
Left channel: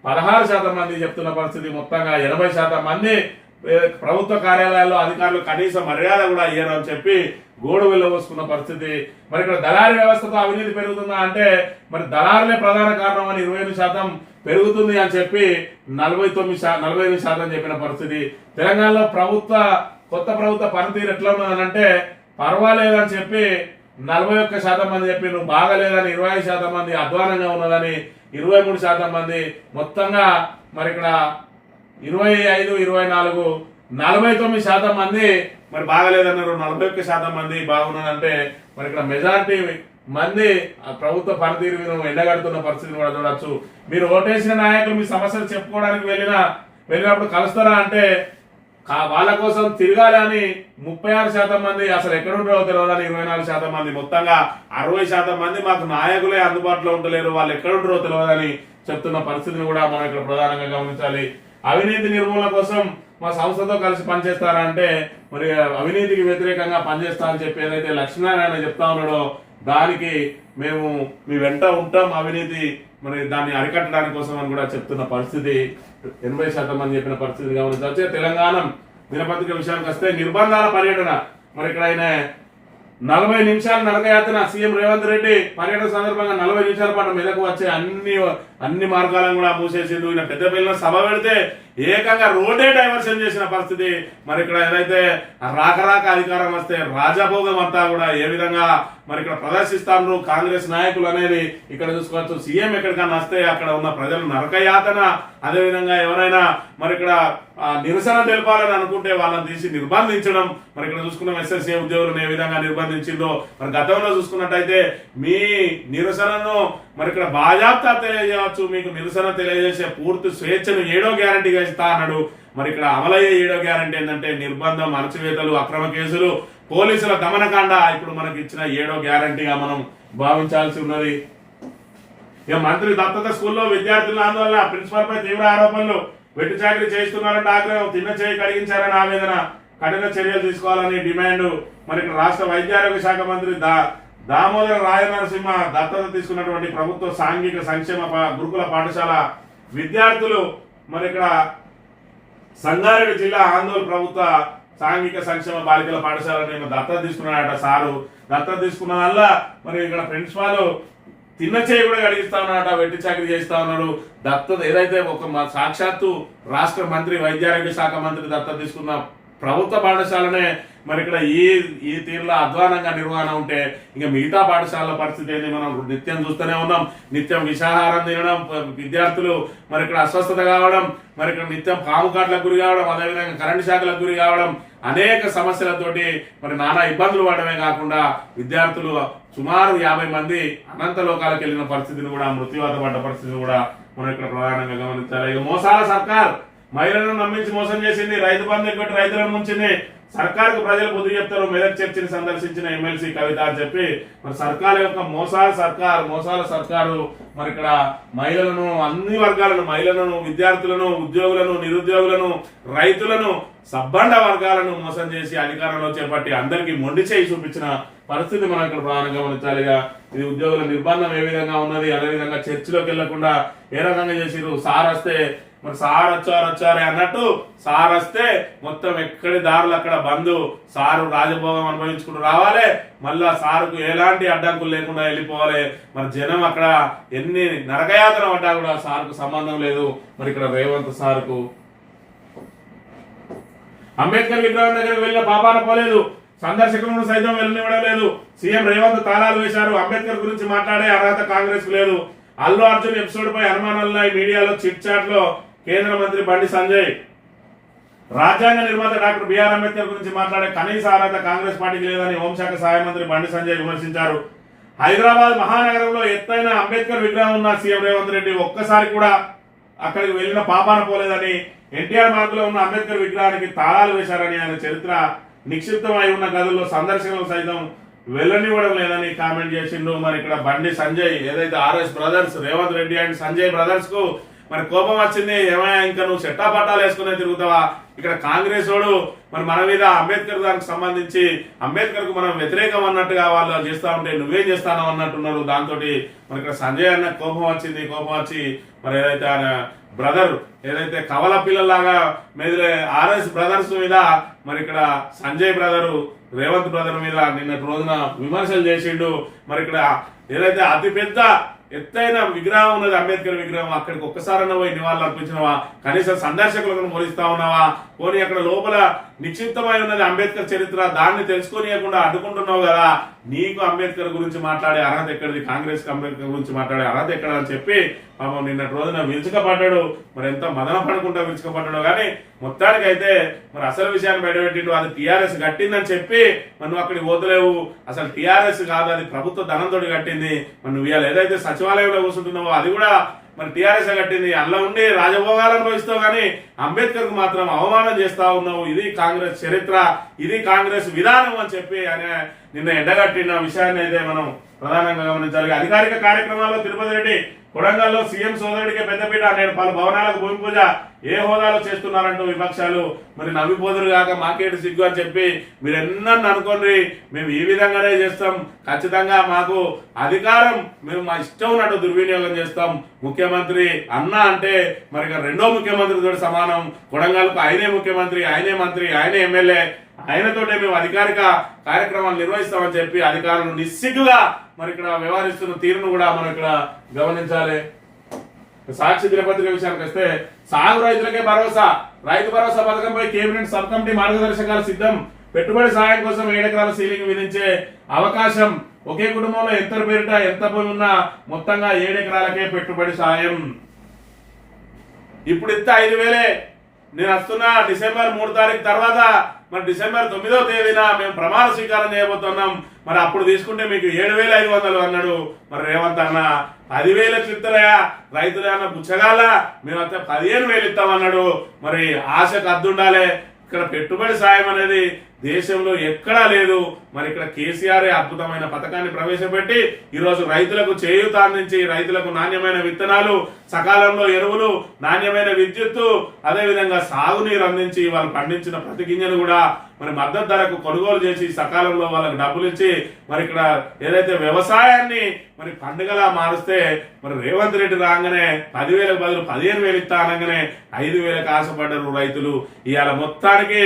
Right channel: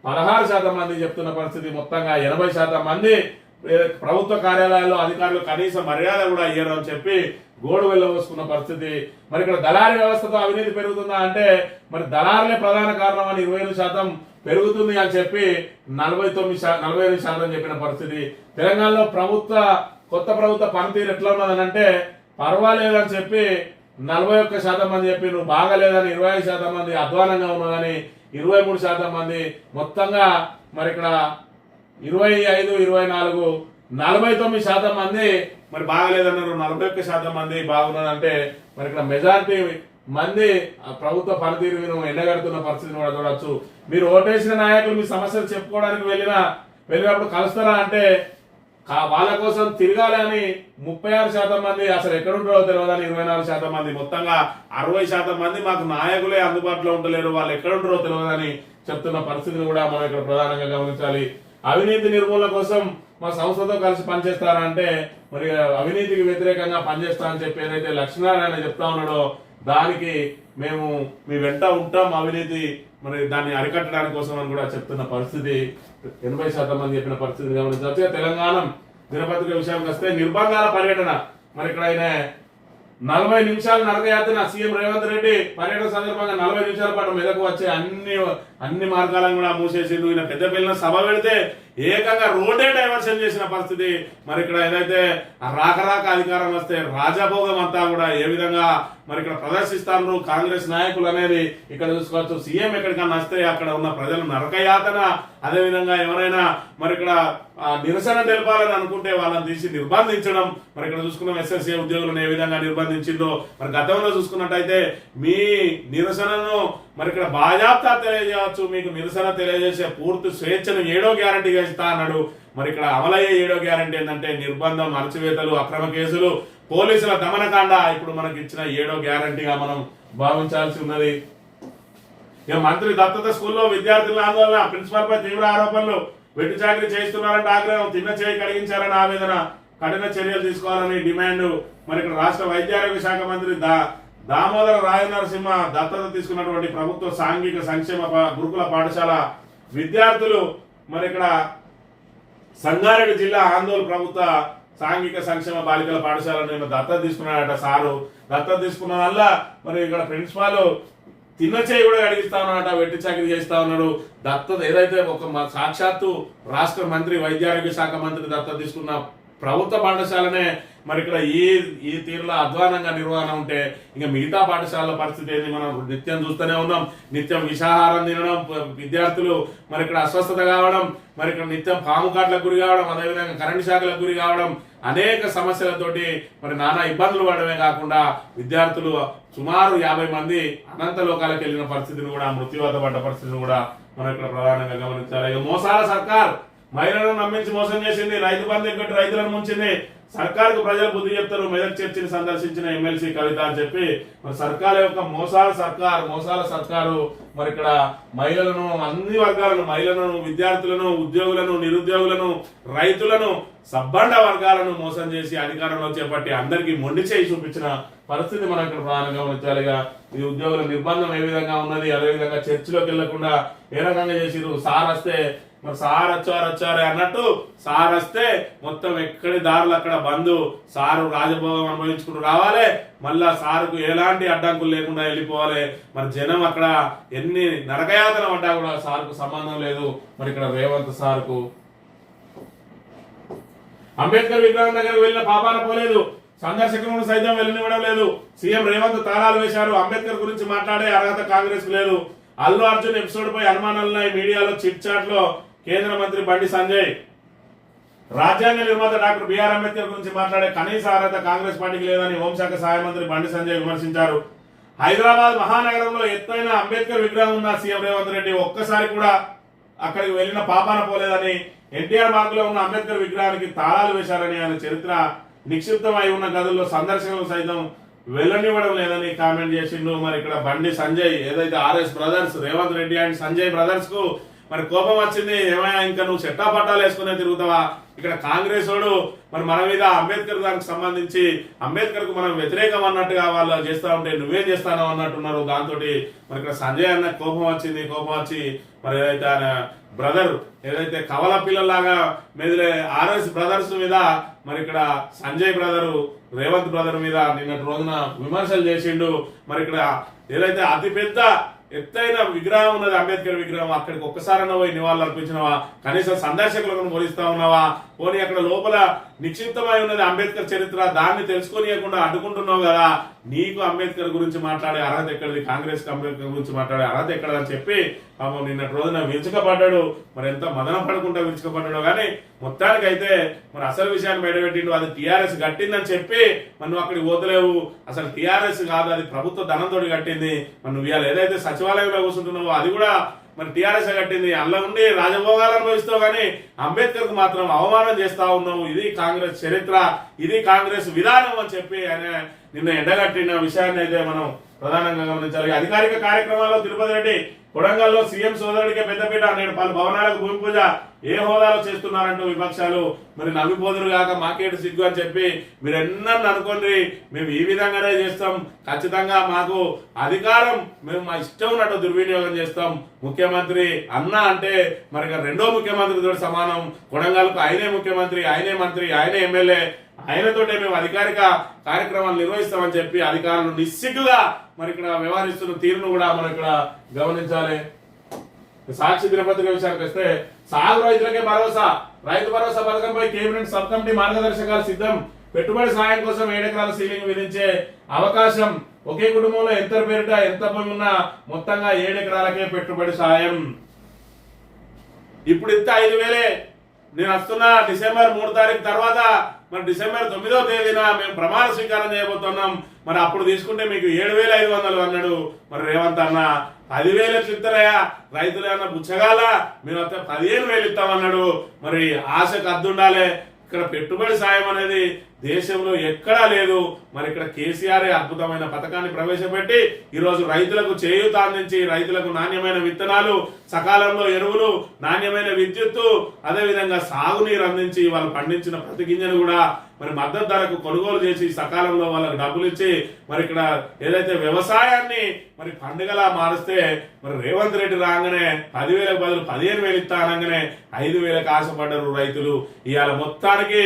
16% మంది చెప్తున్న పరిస్థితి. మొత్తంగా 80% మంది ప్రభుత్వ కార్యాలయాల్లో అధికారులు కనీస మర్యాద కూడా ఇయ్యరు అని చెప్పి గోడు వెళ్ళవస్తున్న పరిస్థితి. మరి ఇక్కడ దళారీ వ్యవస్థతో అవినీతి పెరుగుతుందా అంటే మరి దళారులే ప్రధాన కారణం అని 28% పెరుగుతుంది అని చెప్పి 45% చెప్పిన పరిస్థితి. తెలంగాణలో కొత్త ప్రభుత్వ పనితీరు ఎట్లా ఉన్నదనంటే పర్వాలేదు అని చెప్పి 41% మంది చెప్పి, నువ్వు బాగాలేదని 25% మంది, అధ్వానంగా ఉన్నదని 23% మంది, మొత్తంగా మరి ఇక్కడ 25, 24, 49% మంది మరి బాగలేదన్నారు, 41% మంది బాగున్నారంటే మరి ఇక్కడ మెజారిటీ మంది ప్రభుత్వ పనితీరును ఎండగడుతున్న పరిస్థితిని కూడా చూడొచ్చు. మీరు ఓటేసిన నాయకులు మీ సమస్యలు చెప్పుకోవడానికి వెళ్ళినప్పుడు కలుస్తారా అంటే వాళ్ళ కోసం తిరగాలి అని 36% మంది, అసలు ఎక్కడుంటారో తెలియదని 24% మంది, మొత్తంగా 60% మంది మాకు నాయకులే అందుబాటులో ఉండలేరు, వాళ్ళు ఎక్కడుంటారో తెలియదని చెప్తున్న పరిస్థితిని కూడా మనం ఇక్కడ ప్రధానంగా గమనించాలి. అవినీతి నిర్మూలన కోసం మా సంస్థతో కలిసి పనిచేస్తారా అంటే మరి అవినీతికి వ్యతిరేకంగా పనిచేస్తా అని చెప్పి ఏదైతే లక్ష్మీనారాయణ చెప్తా ఉన్నాడో దానికి మేము మీ వెంట ఉంటాం, అవినీతి మరి దాన్ని అరికట్టడానికి కోసం అని కూడా చెప్తున్న పరిస్థితి. 80% మంది చెప్పిన పరిస్థితి గమనించవచ్చు. తెలంగాణ దినపత్రిక విషయానికి వస్తే నిర్బంధాల పర్యటన, మరి ఇక్కడ ఆయన 40 నిమిషాల నరకయాత్ర సీఎం రేవంత్ రెడ్డి పర్యటన సందర్భంగా 40 నిమిషాల పాటు మెదకు వచ్చే అన్ని మార్గాలను కూడా మూసేసిండు. ఈయన పెద్దపల్లిలో సభ పెడితే ఏకంగా రోడ్డే డైవర్షన్ చేసిన పరిస్థితి. మరి ఇక్కడ ఏదైతే రాక అధికారం వస్తే రాజభోగం అంతా కూడా ఏ విధంగా మరి ఇక్కడ ప్రదర్శిస్తాను కాంగ్రెస్ నాయకులు అనేది ఇక్కడ చూసుకోవచ్చు. సీఎం ఎక్కడికన్నా వస్తే అక్కడ ఉన్న ప్రజలు నరకయాతన, అదేవిధంగా ఎవరైనా మరి ఇక్కడ నిరసన తెలపాలని అనుకుంటే వాళ్ళని తీసి నిర్బంధించడం. మరి ఇక్కడ చూసుకున్నాం ఎస్ఎస్సీ ఉద్యోగులను ఏ విధంగా నిర్బంధించిందో. మరి గతంలో చూసుకున్నట్టయితే మీ నిరసనను మరి ఇక్కడ బాజాప్తా తెలియజేయవచ్చు, మీకు నిరసన తెలియజేసే పూర్తి స్వేచ్ఛను 7వ గ్యారంటీగా ఇస్తా అన్నాడు. మరి ఇక్కడ అమలయ్యే 7వ గ్యారంటీ ఏంటంటే నిర్బంధం, అణచివేతలు, అక్రమ కేసులు, పోలీసుల దమనకాండ ఇప్పుడు మనకి ఇచ్చిన 7వ గ్యారంటీగా మనం భావించాల్సి ఉన్నది. ఇక మంత్రి దత్తత స్కూల్లో విద్యార్థుల ఆందోళన, ప్రిన్సిపల్ పై తీవ్ర ఆరోపణలు, వెట్టి చాకరీ చేస్తున్నారంటే ఆగ్రహం, తిన్న చేయి కడిగించారని ఆవేదన, కఠిన చర్యలు తీసుకోవాలని డిమాండ్. మరి ఇక్కడ రాష్ట్ర వైద్యారోగ్య శాఖ మంత్రి దామోదర రాజనరసింహ దత్తత తీసుకున్నటువంటి ప్రభుత్వ సాంఘిక సంక్షేమ గురుకుల పాఠశాల విద్యార్థులు మరి ఇక్కడ సంగారెడ్డి జిల్లా ఆందోళన ప్రభుత్వ సాంఘిక సంక్షేమ బాలికల పాఠశాలను దత్తత తీసుకున్నాడట సారు. దత్తత తీసుకున్న వల్ల మరి ఇక్కడ ప్రిన్సిపాల్ తిన్న చేయి కూడా అడిగిస్తా ఉన్నాడట, వెట్టి చాకరీ చేస్తా ఉన్నారు. దత్తత ఏదైతే ఒక సాక్షాత్తు రాష్ట్ర మంత్రి వైద్యారోగ్య శాఖ మంత్రి దత్తత తీసుకున్న ప్రభుత్వ పాఠశాలనే మరి ఇక్కడ ఈ తీరులో అధ్వానంగా నిర్వహణ ఉంటే ఇంకా మిగతా పాఠశాలల పరిస్థితి ఏంటి మనం నిత్యం చూస్తూనే ఉన్నాం. నిత్యం విషాహారం తినడం, విద్యార్థులు మరి ఇక్కడ అస్వస్థత కావడం, మరి ఇక్కడ నిత్యం పాము కాట్లకు గురి కావడం, అదేవిధంగా కరెంటు శాఖలకు గురి కావడం, అనేక సమస్యలతోటి మరి నానా ఇబ్బందులు పడమే కాకుండా విద్యార్థులు సుమారు 50 మంది అనంత లోకాలకు వెళ్ళిన పరిస్థితిని కూడా, మృత్యువాత పడ్డ పరిస్థితిని కూడా మనం ఇక్కడ ప్రధానంగా గమనించాలి. ఇక మోసాల సర్కార్ మహిళలను నమ్మించి మోసం చేసింది, రైతు బంధు పెట్టి రైతులను ముంచింది, సర్కారుకు ప్రజలు బుద్ధి చెప్తారు, మెదక్ చర్చిని సందర్శించిన ఎమ్మెల్సీ కవిత అని చెప్పి మరి సర్కార్ యొక్క మోసాల సర్కారు మరి ఇక్కడ మహిళలను, అన్ని వర్గాలను, మహిళలను, విద్యార్థులను, ఉద్యోగులను, నిరుద్యోగులను, రైతులను, సబ్బండ వర్గాలను మోసం చేసి అధికారంలో చేపట్టి అందరికీ మొండి చేయి చూపించిన పరిస్థితి మనం ఇక్కడ ప్రధానంగా గమనించాలిగా. ఇది ఉద్యోగుల నిర్బంధం ఏ విధంగా ఉన్నది, అదేవిధంగా చర్చిలోకి వెళ్లకుండా ఏ రకంగా చేసిరు. సార్ వస్తే మరి సార్ వచ్చారే అన్నట్టు సార్ వస్తే మొత్తం ఎక్కడి దారులు అక్కడ బంధు, సారు రాజభోగం అనుభవించుకుంటూ రావాలి, మళ్ళా సారుకు ఎలాంటి అడ్డంకులు లేకుండా వెళ్ళిపోవాలి. మరి జనం అక్కడ ఎన్ని నరకయాతన పడ్డా కూడా సార్కు సంబంధం లేదు. మరి ఇక్కడ రేవంత్ సార్కు అంబేద్కర్ విగ్రహం దగ్గరికి వెళ్ళిన పాపాన పోలేదు, సందర్శకులను సైతం వెళ్ళనివ్వడం లేదు. సీఎం రేవంత్ తాళాలు వేశారు. అంబేద్కర్ గురించి మాట్లాడే అర్హత కాంగ్రెస్ కు లేదు. అల్లు అర్జున్ ఎపిసోడ్ పై అనుమానాలున్నాయి. మీడియాలో చిట్ చాట్ లో కేంద్ర మంత్రి బండి సంజయ్ రాజ్యాంగ నిర్మాత డాక్టర్ బిఆర్ అంబేద్కర్ గురించి మాట్లాడే కనీస అర్హత కాంగ్రెస్ పార్టీకి లేదని హోంశాఖ సహాయ మంత్రి బండి సంజయ్ విమర్శించారు. హైదరాబాద్ మహానగరంలో ఎత్తైన అంబేద్కర్ విగ్రహం ఉన్న సీఎం రేవంత్ రెడ్డి ఒక్కసారి కూడా అక్కడికి వెళ్లిన పాపాన పోలేదని, ఎన్టీఆర్ మార్గులో ఉన్న అంబేద్కర్ విగ్రహానికి తాళాలు వేశారని, ఆయన చరిత్ర నిక్షిప్తమై ఉన్న గదుల్లో సందర్శకులు సైతం వెళ్ళనివ్వడం లేదని కామెంట్ చేసిండు. మరి ఇక్కడ బండి సంజయ్ ఏదైతే RS brothers Revanth Reddy and Sanjay brothers కు మరి కోపం వచ్చింది. ఏమయ్యా ఇంకా నువ్వు చెట్టా పట్టాలు వేసుకునే తిరుగుతావా? ఇక్కడ కాంగ్రెస్ వాడు మరి మన మీద అంబేద్కర్ దానికి సంబంధించి అంబేద్కర్ కు మనం వ్యతిరేకం అన్నట్టుగా వాళ్ళు చేస్తా ఉంటే నువ్వేం చేస్తాను అన్నట్టున్నారు. దాంతో మరి ఇక్కడ సంజయ్ అన్న కోపం వచ్చి మరి ఏదైతే ఆయన బ్రదర్ ఏదైతే కవల పిల్లలాగా మెదిలే ఆర్ఎస్ బ్రదర్స్ మీద మరి ఇక్కడ సంజయ్ బ్రదరు రేవంత్ బ్రదర్ మీద నిన్నటి రోజున విమర్శలు చేసిండు. మరి ఇక్కడ ఏదైతే అతిపెద్ద ఎత్తైన విగ్రహం ఉన్నది అంబేద్కర్ విగ్రహం, అక్కడికి ఒక్కసారన్నా పోయి నివాళులు అర్పించినవా? కనీసం సందర్శకులను పోలిస్తా ఉన్నావా? పోనీ అక్కడ లోపల నిక్షిప్తమై ఉన్నది అంబేద్కర్ చరిత్ర, దాన్ని తెలుసుకోనియకుండా అడ్డుకుంటున్నావు కదా. నీకు అంబేద్కర్ గురించి మాట్లాడే అర్హత ఎక్కడిది? కాంగ్రెస్ అంబేద్కర్ గురించి మాట్లాడే అర్హత ఎక్కడని చెప్పి పాపం నిన్నటి రోజున విరుచుకపడ్డాడు. మరి ఎంత మదన పడుకుంటా విరుచుకపడ్డాడు. కానీ మొత్తానికైతే మరి అసలు విషయాన్ని బయటపెట్టిండు. అది టీఆర్ఎస్ కట్టిందని చెప్పి మరి నువ్వు అక్కడికి పోతలేవు. అసలు టీఆర్ఎస్ కాదు, అది ప్రభుత్వ ధనంతో కట్టింది. మరి నువ్వు ఇవాళ ఏదైతే సచివాలయంలో కూర్చుంటున్నావో అది కూడా మరి టీఆర్ఎస్ కట్టింది. అందులో ఉండి రాజభోగాలు అనుభవిస్తావు, కానీ అంబేద్కర్ కు మాత్రం అవమానం చేస్తా ఉన్నావు. ఇది కాంగ్రెస్ చరిత్ర, ఇది కాంగ్రెస్ విధానం అని చెప్పి ఆయన నిన్న ఎండగట్టిన విషయాన్ని అయితే మనం ప్రధానంగా గమనించాలి. అధికారిక కార్యక్రమాల్లో తిరుపతి రెడ్డి కొడంగల్లో సీఎం సోదరుడికి పెద్దపీట, నేడు పలు భవనాలకు భూమి పూజ ఏ హోదాలో చేస్తున్నారంటూ విపక్షాలు మరి నవ్విపోదురు కాక మాకేటి సిగ్గు అని చెప్పి మీరు ఎన్నన్ను అనుకోండి, మేము ఈ విధంగానే చేస్తాం, ఖచ్చితంగా మాకు అధికారం మేము మా ఇష్టం ఉన్నట్టు దుర్వినియోగం చేస్తాం. ముఖ్యమంత్రి అన్న అంటే మరి రెండో ముఖ్యమంత్రితో సమానం. కొడంగల్కు ఆయనే ముఖ్యమంత్రి, ఆయనే మంత్రి, ఆయనే ఎమ్మెల్యే, ఆయనతోటే మేము అధికారిక కార్యక్రమాలు నిర్వహిస్తామని చెప్పి అధికారులు నిస్సిగ్గుగా మరి ఇక్కడ వ్యవహరిస్తున్న తీరును కూడా మనం ఇక్కడ గమనించాలి. సాక్షి దినపత్రిక విషయానికి వస్తే సాగు రైతులకే భరోసా, Rythu Bharosa పథకంపై cabinet sub committee మార్గదర్శకాలు సిద్ధం, పెట్టుబడి సాయం కోసం 7 ఎకరాల సీలింగ్ విధించే అవకాశం, ఒకే కుటుంబంలో ఎంత పేరిట ఎంత భూమి ఉన్నా మొత్తంగా 7 ఎకరాలకే పెట్టుబడి సాయం. ఇప్పుడు ఇంత 5,000 నేను వస్తున్నా డిసెంబర్ 3 తారీఖు తర్వాత మరి డిసెంబర్ 9వ తేదీన మేము ప్రమాణ స్వీకారం చేయబోతున్నాం, మరి అప్పుడు తీసుకుంటే మీకు 7,500 అన్నాడు. మరి రేవంత్ అన్న 10,000 ఎట్లా ఇస్తారయా, రైతులు అన్న బుచ్చగాల మేమంతా 15,000 ఇస్తామన్నాడు. మరి ఆశకు అద్దుండాలి. ఇక్కడ పెట్టుబడి సాయం అనేది దేశంలో ఎక్కడా లేదు. మరి ఇక్కడ కేసీఆర్ అద్భుతమైన పథకాన్ని ప్రవేశపెట్టి ఈరోజు రైతులకు చేయూత అందించి రైతులకు నాణ్యమైన విత్తనాలు, సకాలంలో ఎరువులు, నాణ్యమైన విద్యుత్తు, అదేవిధంగా సాగునీరు అందించి వాళ్ళు పండించిన ప్రతి గింజను కూడా మరి మద్దతు ధరకు కొనుగోలు చేసి సకాలంలో వాళ్ళకు డబ్బులు ఇచ్చి మరి ఇక్కడ ఏదైతే వ్యవసాయాన్ని మరి పండుగలా మారుస్తే మరి రేవంత్ రెడ్డి రాగానే 10,000కు బదులు 15,000 ఇస్తా అనగానే 5,000కు ఆశపడ్డారు రైతులు. ఇవాళ మొత్తానికి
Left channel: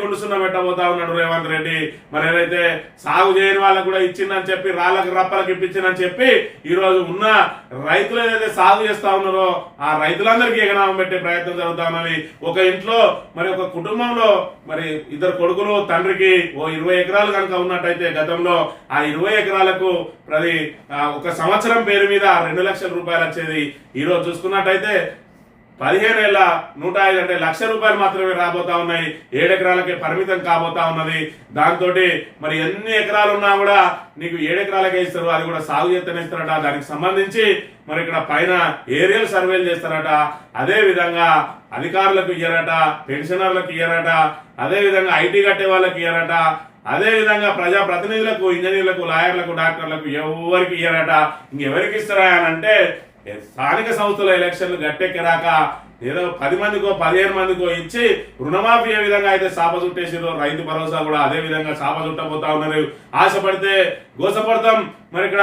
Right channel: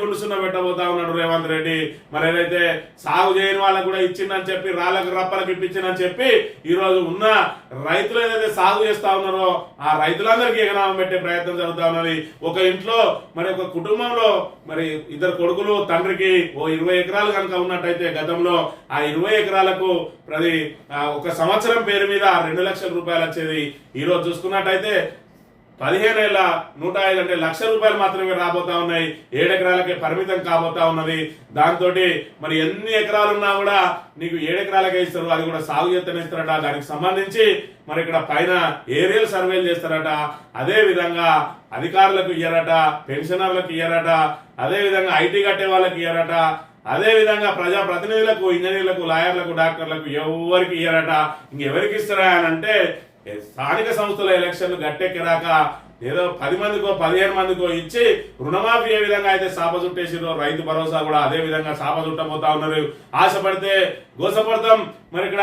గుండుసున్న పెట్టబోతా ఉన్నాడు రేవంత్ రెడ్డి. మరి ఏదైతే సాగు చేయని వాళ్ళకు కూడా ఇచ్చిందని చెప్పి రాళ్ళకు రప్పలకు ఇప్పించిందని చెప్పి ఈ రోజు ఉన్న రైతులు ఏదైతే సాగు చేస్తా ఉన్నారో ఆ రైతులందరికీ ఎగనామం పెట్టే ప్రయత్నం జరుగుతా ఉన్నది. ఒక ఇంట్లో మరి ఒక కుటుంబంలో మరి 2 కొడుకులు, తండ్రికి ఓ 20 ఎకరాలు కనుక ఉన్నట్టయితే గతంలో ఆ 20 ఎకరాలకు ప్రతి ఒక సంవత్సరం పేరు మీద 2 లక్షల రూపాయలు వచ్చేది. ఈ రోజు చూసుకున్నట్టయితే 15 ఏళ్ళ 105 అంటే ₹1,00,000 మాత్రమే రాబోతా ఉన్నాయి. 7 ఎకరాలకే పరిమితం కాబోతా ఉన్నది. దాంతో మరి ఎన్ని ఎకరాలు ఉన్నా కూడా నీకు 7 ఎకరాలకే ఇస్తారు, అది కూడా సాగు చేస్తూనే ఇస్తారట. దానికి సంబంధించి మరి ఇక్కడ పైన ఏరియల్ సర్వేలు చేస్తారట. అదే విధంగా అధికారులకు ఇయ్యరట, పెన్షనర్లకు ఇయ్యరట, అదే విధంగా ఐటీ కట్టే వాళ్ళకి ఇయ్యరట, అదే విధంగా ప్రజా ప్రతినిధులకు, ఇంజనీర్లకు, లాయర్లకు, డాక్టర్లకు ఎవరికి ఇయ్యరట. ఇంకెవరికి ఇస్తారా అని అంటే స్థానిక సంస్థల ఎలక్షన్లు గట్టెక్కిరాక ఏదో 10 మందికో 15 మందికో ఇచ్చి రుణమాఫీ ఏ విధంగా అయితే సాప చుట్టేసిరో రైతు భరోసా కూడా అదే విధంగా సాప చుట్టబోతా ఉన్నారు. ఆశపడితే గోసపడతాం, మరి ఇక్కడ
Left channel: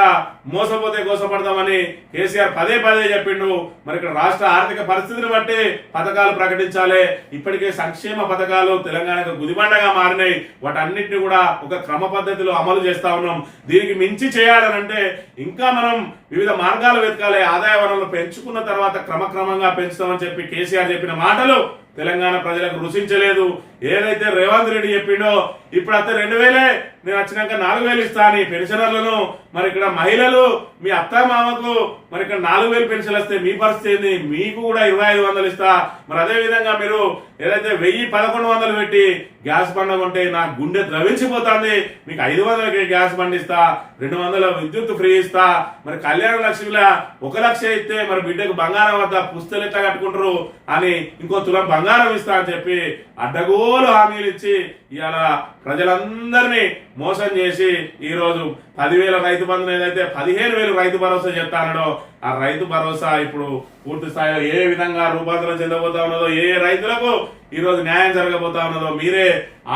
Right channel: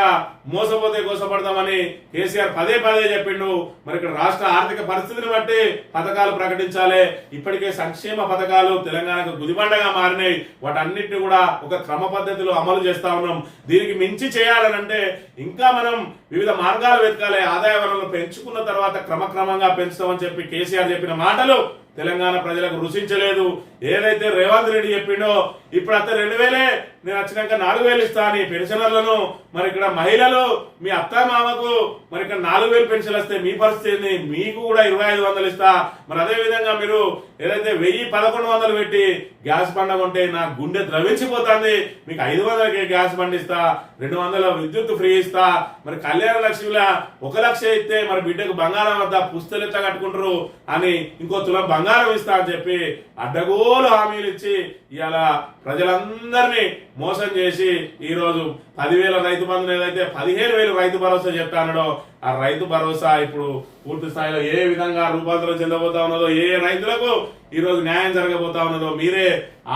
మోసపోతే గోసపడతామని కేసీఆర్ పదే చెప్పిండు. మరి ఇక్కడ రాష్ట్ర ఆర్థిక పరిస్థితిని బట్టి పథకాలు ప్రకటించాలి. ఇప్పటికే సంక్షేమ పథకాలు తెలంగాణకు గుదిబండగా మారినాయి. వాటన్నిటిని కూడా ఒక క్రమ పద్ధతిలో అమలు చేస్తా ఉన్నాం. దీనికి మించి చేయాలనంటే ఇంకా మనం వివిధ మార్గాలు వెతకాలి. ఆదాయ వనరులు పెంచుకున్న తర్వాత క్రమక్రమంగా పెంచుతామని చెప్పి కేసీఆర్ చెప్పిన మాటలు తెలంగాణ ప్రజలకు రుచించలేదు. ఏదైతే రేవంత్ రెడ్డి చెప్పిండో ఇప్పుడు అంత 2,000 నేను వచ్చినాక 4,000 ఇస్తా అని పెన్షనర్లను, మరి ఇక్కడ మహిళలు మీ అత్త మామకు మరి ఇక్కడ 4,000 పెన్షన్లు వస్తే మీ పరిస్థితి ఏంది? మీకు కూడా 2,500 ఇస్తా. మరి అదే విధంగా మీరు ఏదైతే 1,000-1,100 పెట్టి గ్యాస్ బండ కొంటే నా గుండె ద్రవించిపోతుంది. మీకు 500కి గ్యాస్ బండి ఇస్తా, 200 విద్యుత్ ఫ్రీ ఇస్తా. మరి కళ్యాణ లక్ష్మిలా 1,00,000 ఇస్తే మరి బిడ్డకు బంగారం వద్ద పుస్తలు ఎట్లా కట్టుకుంటారు అని ఇంకో తులం బంగారం ఇస్తా అని చెప్పి అడ్డగోలు హామీలు ఇచ్చి ఇవాళ ప్రజలందరినీ మోసం చేసి ఈ రోజు 10,000 రైతు బంధుని ఏదైతే 15,000 రైతు భరోసా చెప్తానో ఆ రైతు భరోసా ఇప్పుడు పూర్తి స్థాయిలో ఏ విధంగా రూపాంతరం చెందబోతా ఉన్నదో, ఏ రైతులకు ఈ రోజు న్యాయం జరగబోతా ఉన్నదో మీరే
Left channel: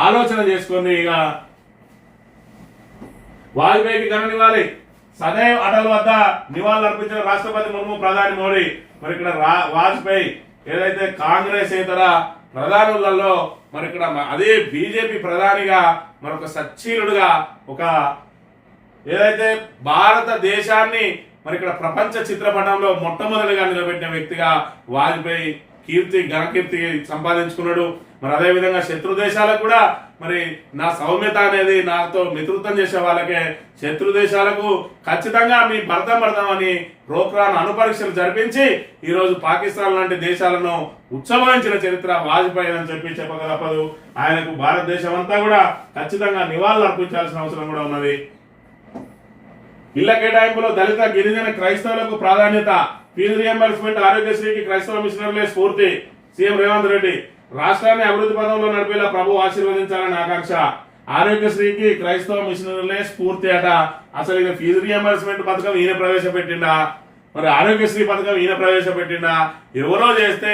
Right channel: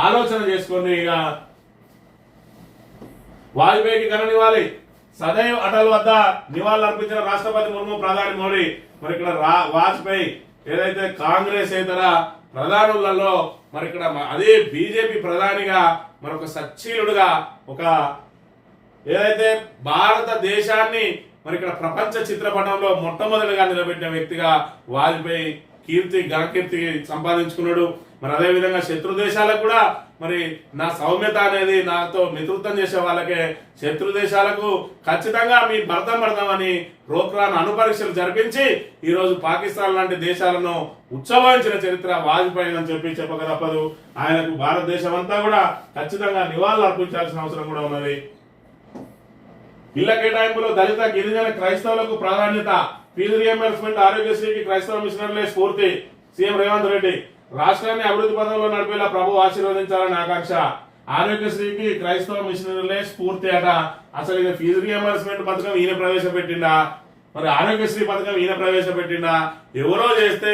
ఆలోచన చేసుకొని ఇక వాజ్పేయికి ఘననివ్వాలి. సదైవ్ అటల్ వద్ద నివాళులు అర్పించిన రాష్ట్రపతి ముర్ము, ప్రధాని మోడీ. మరి ఇక్కడ వాజ్పేయి ఏదైతే కాంగ్రెస్ ఇతర ప్రధానులలో మరి ఇక్కడ అదే బీజేపీ ప్రధానిగా మరొక సచ్చీలుడుగా ఒక ఏదైతే భారతదేశాన్ని మరి ఇక్కడ ప్రపంచ చిత్రపటంలో మొట్టమొదటిగా నిలబెట్టిన వ్యక్తిగా వాజ్పేయి ఘనకీర్తి సంపాదించుకున్నాడు. మరి అదే విధంగా శత్రు దేశాలకు కూడా మరి నా సౌమ్యత అనేది నాతో మిత్రత్వం చేసే వాళ్ళకే శత్రు దేశాలకు ఖచ్చితంగా మీ భర్తం అని ప్రోగ్రాం అణుపరీక్షలు జరిపించి ఈ రోజు పాకిస్తాన్ లాంటి దేశాలను ఉత్సవించిన చరిత్ర వాజ్పేయి అని చెప్పి చెప్పక తప్పదు. ఆయనకు భారతదేశం అంతా కూడా ఖచ్చితంగా నివాళులు అర్పించాల్సిన అవసరం కూడా ఉన్నది. ఇళ్ల కేటాయింపులో దళిత, గిరిజన, క్రైస్తవులకు ప్రాధాన్యత. ఫీజు రియంబర్స్మెంట్, ఆరోగ్యశ్రీకి క్రైస్తవ మిషనరీలే స్ఫూర్తి. సీఎం రేవంత్ రెడ్డి రాష్ట్రాన్ని అభివృద్ధి పదంలో నడిపేలా ప్రభు ఆశీర్వదించాలని ఆకాంక్ష. ఆరోగ్యశ్రీకి క్రైస్తవ మిషనరీలే స్ఫూర్తి అట. అసలు ఇక ఫీజు రియంబర్స్మెంట్ పథకం ఈయన ప్రవేశపెట్టిండా, మరి ఆరోగ్యశ్రీ పథకం ఈయన ప్రవేశపెట్టిండా, ఎవరో చేస్తే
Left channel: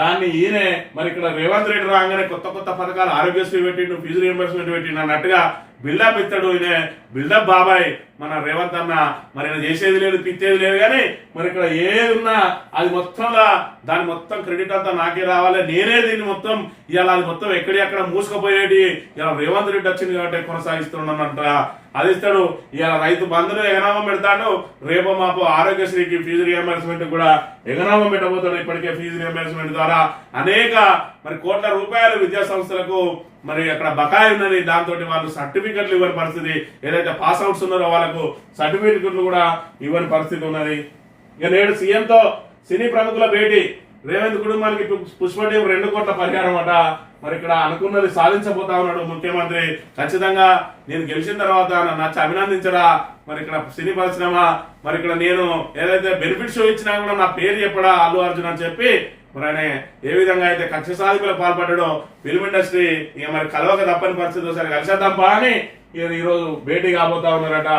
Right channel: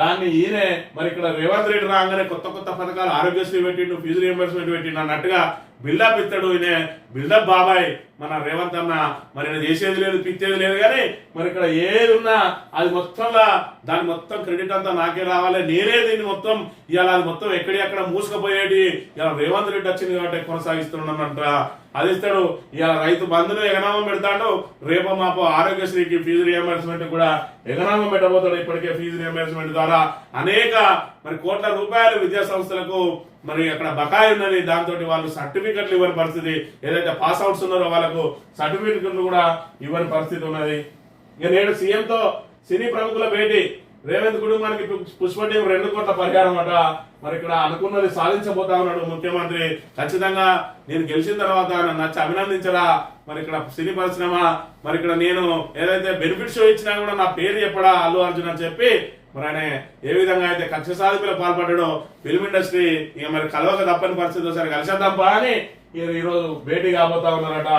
దాన్ని ఈయనే మరి ఇక్కడ రేవంత్ రెడ్డి రాగానే కొత్త పథకాలు ఆరోగ్యశ్రీ పెట్టిండు, ఫీజు రియంబర్స్మెంట్ పెట్టిండు అన్నట్టుగా బిల్డప్ ఇస్తాడు. ఈయన బిల్డప్ బాబాయ్ మన రేవంత్ అన్న. మరి ఈయన చేసేది లేదు, పిచ్చేది లేదు, కానీ మరి ఇక్కడ ఏది ఉన్నా అది మొత్తంగా దాని మొత్తం క్రెడిట్ అంతా నాకే రావాలి, నేనే దీన్ని మొత్తం ఇవాళ అది మొత్తం ఎక్కడెక్కడ మూసుకుపోయేటి ఇలా రేవంత్ రెడ్డి వచ్చింది కాబట్టి కొనసాగిస్తున్నానంట. అది ఇస్తాడు. ఇవాళ రైతు బంధును ఎగనామం పెడతాడు, రేపో మాపో ఆరోగ్యశ్రీకి ఫీజు రియంబర్స్మెంట్ కూడా ఎగనామం పెట్టబోతాడు. ఇప్పటికే ఫీజు రియంబర్స్మెంట్ ద్వారా అనేక మరి కోట్ల రూపాయలు విద్యా సంస్థలకు మరి అక్కడ బకాయి ఉన్నది. దాంతో వాళ్ళు సర్టిఫికెట్లు ఇవ్వని పరిస్థితి, ఏదైతే పాస్ అవుట్స్ ఉన్నారో వాళ్ళకు సర్టిఫికెట్లు కూడా ఇవ్వని పరిస్థితి ఉన్నది. ఇక నేడు సీఎంతో సినీ ప్రముఖుల భేటీ. రేవంత్ కుటుంబానికి పుష్ప టీం 2 కోట్ల పరిహారం అట. మరి ఇక్కడ అనుకున్నది సాధించబోతా ఉన్నాడు ముఖ్యమంత్రి. ఖచ్చితంగా నేను గెలిచిన తర్వాత నన్ను నచ్చి అభినందించరా. మరి ఇక్కడ సినీ పరిశ్రమ మరి ఇక్కడ నేను ఏదైతే బెనిఫిట్ షో ఇచ్చినా కూడా నా పేరు చెప్పడా అల్లు అర్జున్ అని చెప్పి మరి ఆయన ఏ విధంగా అయితే కక్ష సాధింపులకు పాల్పడ్డాడో ఫిల్మ్ ఇండస్ట్రీ ఇక మరి కలవక తప్పని పరిస్థితి ఒకసారి కలిసేద్దాంపా అని ఈరోజు భేటీ కాబోతా ఉన్నారట.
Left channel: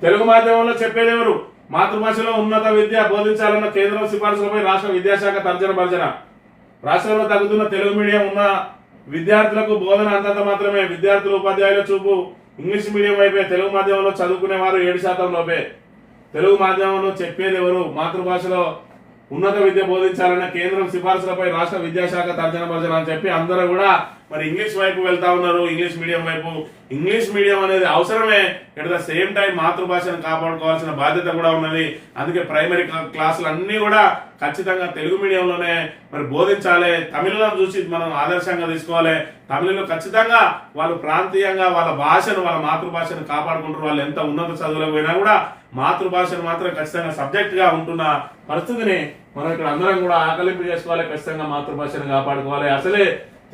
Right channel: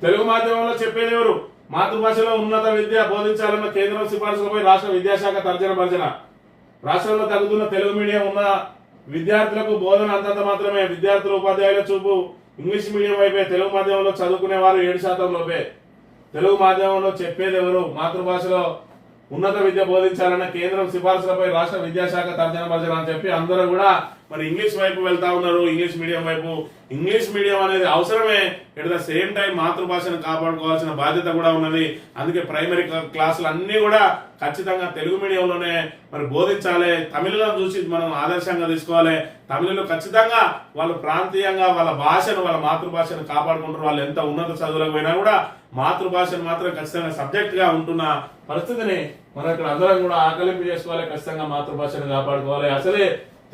తెలుగు మాధ్యమంలో చెప్పేది ఎవరు? మాతృభాషలో ఉన్నత విద్య బోధించాలన్న కేంద్రం సిఫార్సులపై రాష్ట్ర విద్యాశాఖ తర్జన భర్జన. రాష్ట్రంలో తగ్గుతున్న తెలుగు మీడియం ఉన్న విద్యార్థులకు బోధన అంతంత మాత్రమే. విద్యార్థులు ఉపాధ్యాయుల చూపు ఇంగ్లీష్ మీడియం వైపే. తెలుగు మాధ్యమంలో చదువుకునే వారు 7% లోపే. తెలుగు మాధ్యమంలో చెప్పేది ఎవరు? మాతృభాషలో ఉన్నత విద్య బోధించాలన్న కేంద్రం సిఫార్సులపై రాష్ట్ర విద్యాశాఖ తర్జన భర్జన అని చెప్పి అందరూ కూడా మరి ఇంగ్లీష్ వైపు వెళ్తా ఉన్నారు. ఇంగ్లీష్ మీడియం వైపు. ఇంగ్లీష్ మీడియం అనేది అవసరమే. ఎట్ ద సేమ్ టైం మాతృభాషను కాపాడుకోవాల్సిన బాధ్యత కూడా ఉన్నది. అందుకే ప్రైమరీ క్లాసులు అన్ని కూడా ఖచ్చితంగా తెలుగు మీడియంలోనే మరి బోధించాలి. తమిళను చూసి మనం ఆదర్శంగా తీసుకోవాలి. తమిళలో ఖచ్చితంగా వాళ్ళు ప్రాంతీయంగా వాళ్ళ భాషను వాళ్ళ మాతృభాషను కాపాడుకుంటారు. వాళ్ళు ఎంత ఉన్నత చదువులకు పోయినా కూడా మాతృభాషను మాత్రం ఖచ్చితంగా సబ్జెక్ట్ గా ఉంటున్న పరిస్థితిని మనం ఇక్కడ అందరం కూడా ఆకలింపు చేసుకోవాలి. ఖచ్చితంగా మాతృభాషను కాపాడుకోవాలి. అసలే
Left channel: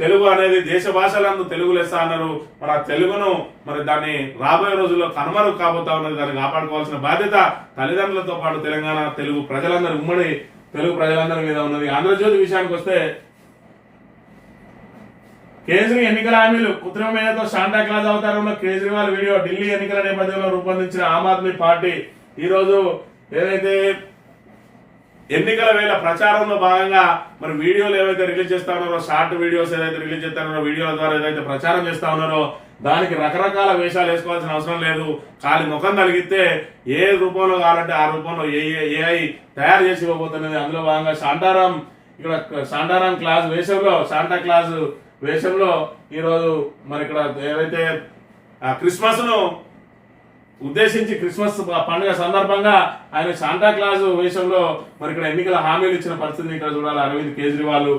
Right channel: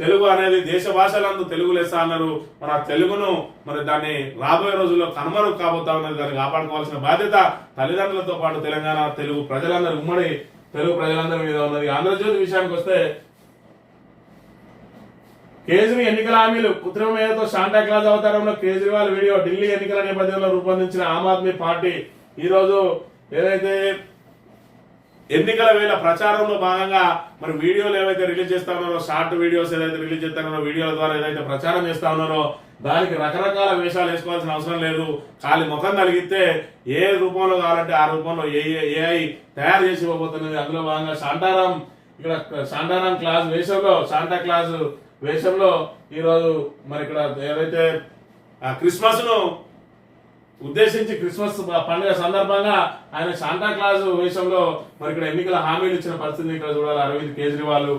తెలుగు అనేది దేశ భాషలందు తెలుగు లెస్స అన్నారు. మరి ఆ తెలుగును మరి దాన్ని రాబోయే రోజుల్లో కనుమరుగు కాబోతా ఉన్నది. దాన్ని కాపాడుకోవాల్సిన బాధ్యత తల్లిదండ్రులతో పాటు తెలంగాణ తెలుగు ప్రజలందరూ ఉమ్మడి తెలుగు ప్రజలందరి మీద ఉన్నది. ఆంధ్రజ్యోతి విషయానికి వస్తే కేజ్రీ ఎన్నికల హామీలు కృత్రిమ మేధతో శాంటా క్లాజ్ అవతారంలో కేజ్రీవాల్ వీడియో. ఢిల్లీ ఎన్నికల నేపథ్యంలో రూపొందించిన ఆమ్ ఆద్మీ పార్టీ ఈరోజు ఏదైతే ఎన్నికల వేళ ప్రచారంలో భాగంగా మరి వీడియోలు ఏవైతే రిలీజ్ చేస్తా ఉన్నారో, షార్ట్ వీడియోస్ ఏదైతే రిలీజ్ చేస్తా ఉన్నారో, వీడియోల ద్వారా ఏదైతే ప్రచారం చేస్తా ఉన్నారో దానికి రకరకాల వేషాలు వేసుకోవాల్సిన అవసరం లేదు. ఖాళీ ముఖం కలిగితే ఏ రూపంలో కావాలంటే ఆ రూపంలో ఏఐ తయారు చేసి ఇవ్వబోతున్నది. అందులో భాగంగా శాంటారాం క్లాస్ వేషంలో శాంటా క్లాస్ వేషంలో ఈరోజు మరి ఇక్కడ ఏదైతే క్రిస్మస్ ను ఉద్దేశించి క్రిస్మస్ పండుగ సందర్భంగా ఆయన శాంటా క్లాజ్ వేషంలో మరి ఇక్కడ ఎన్నికల హామీలు ఇచ్చిన పరిస్థితిని ఇక్కడ చూడాలి అరవింద్ కేజ్రీవాల్.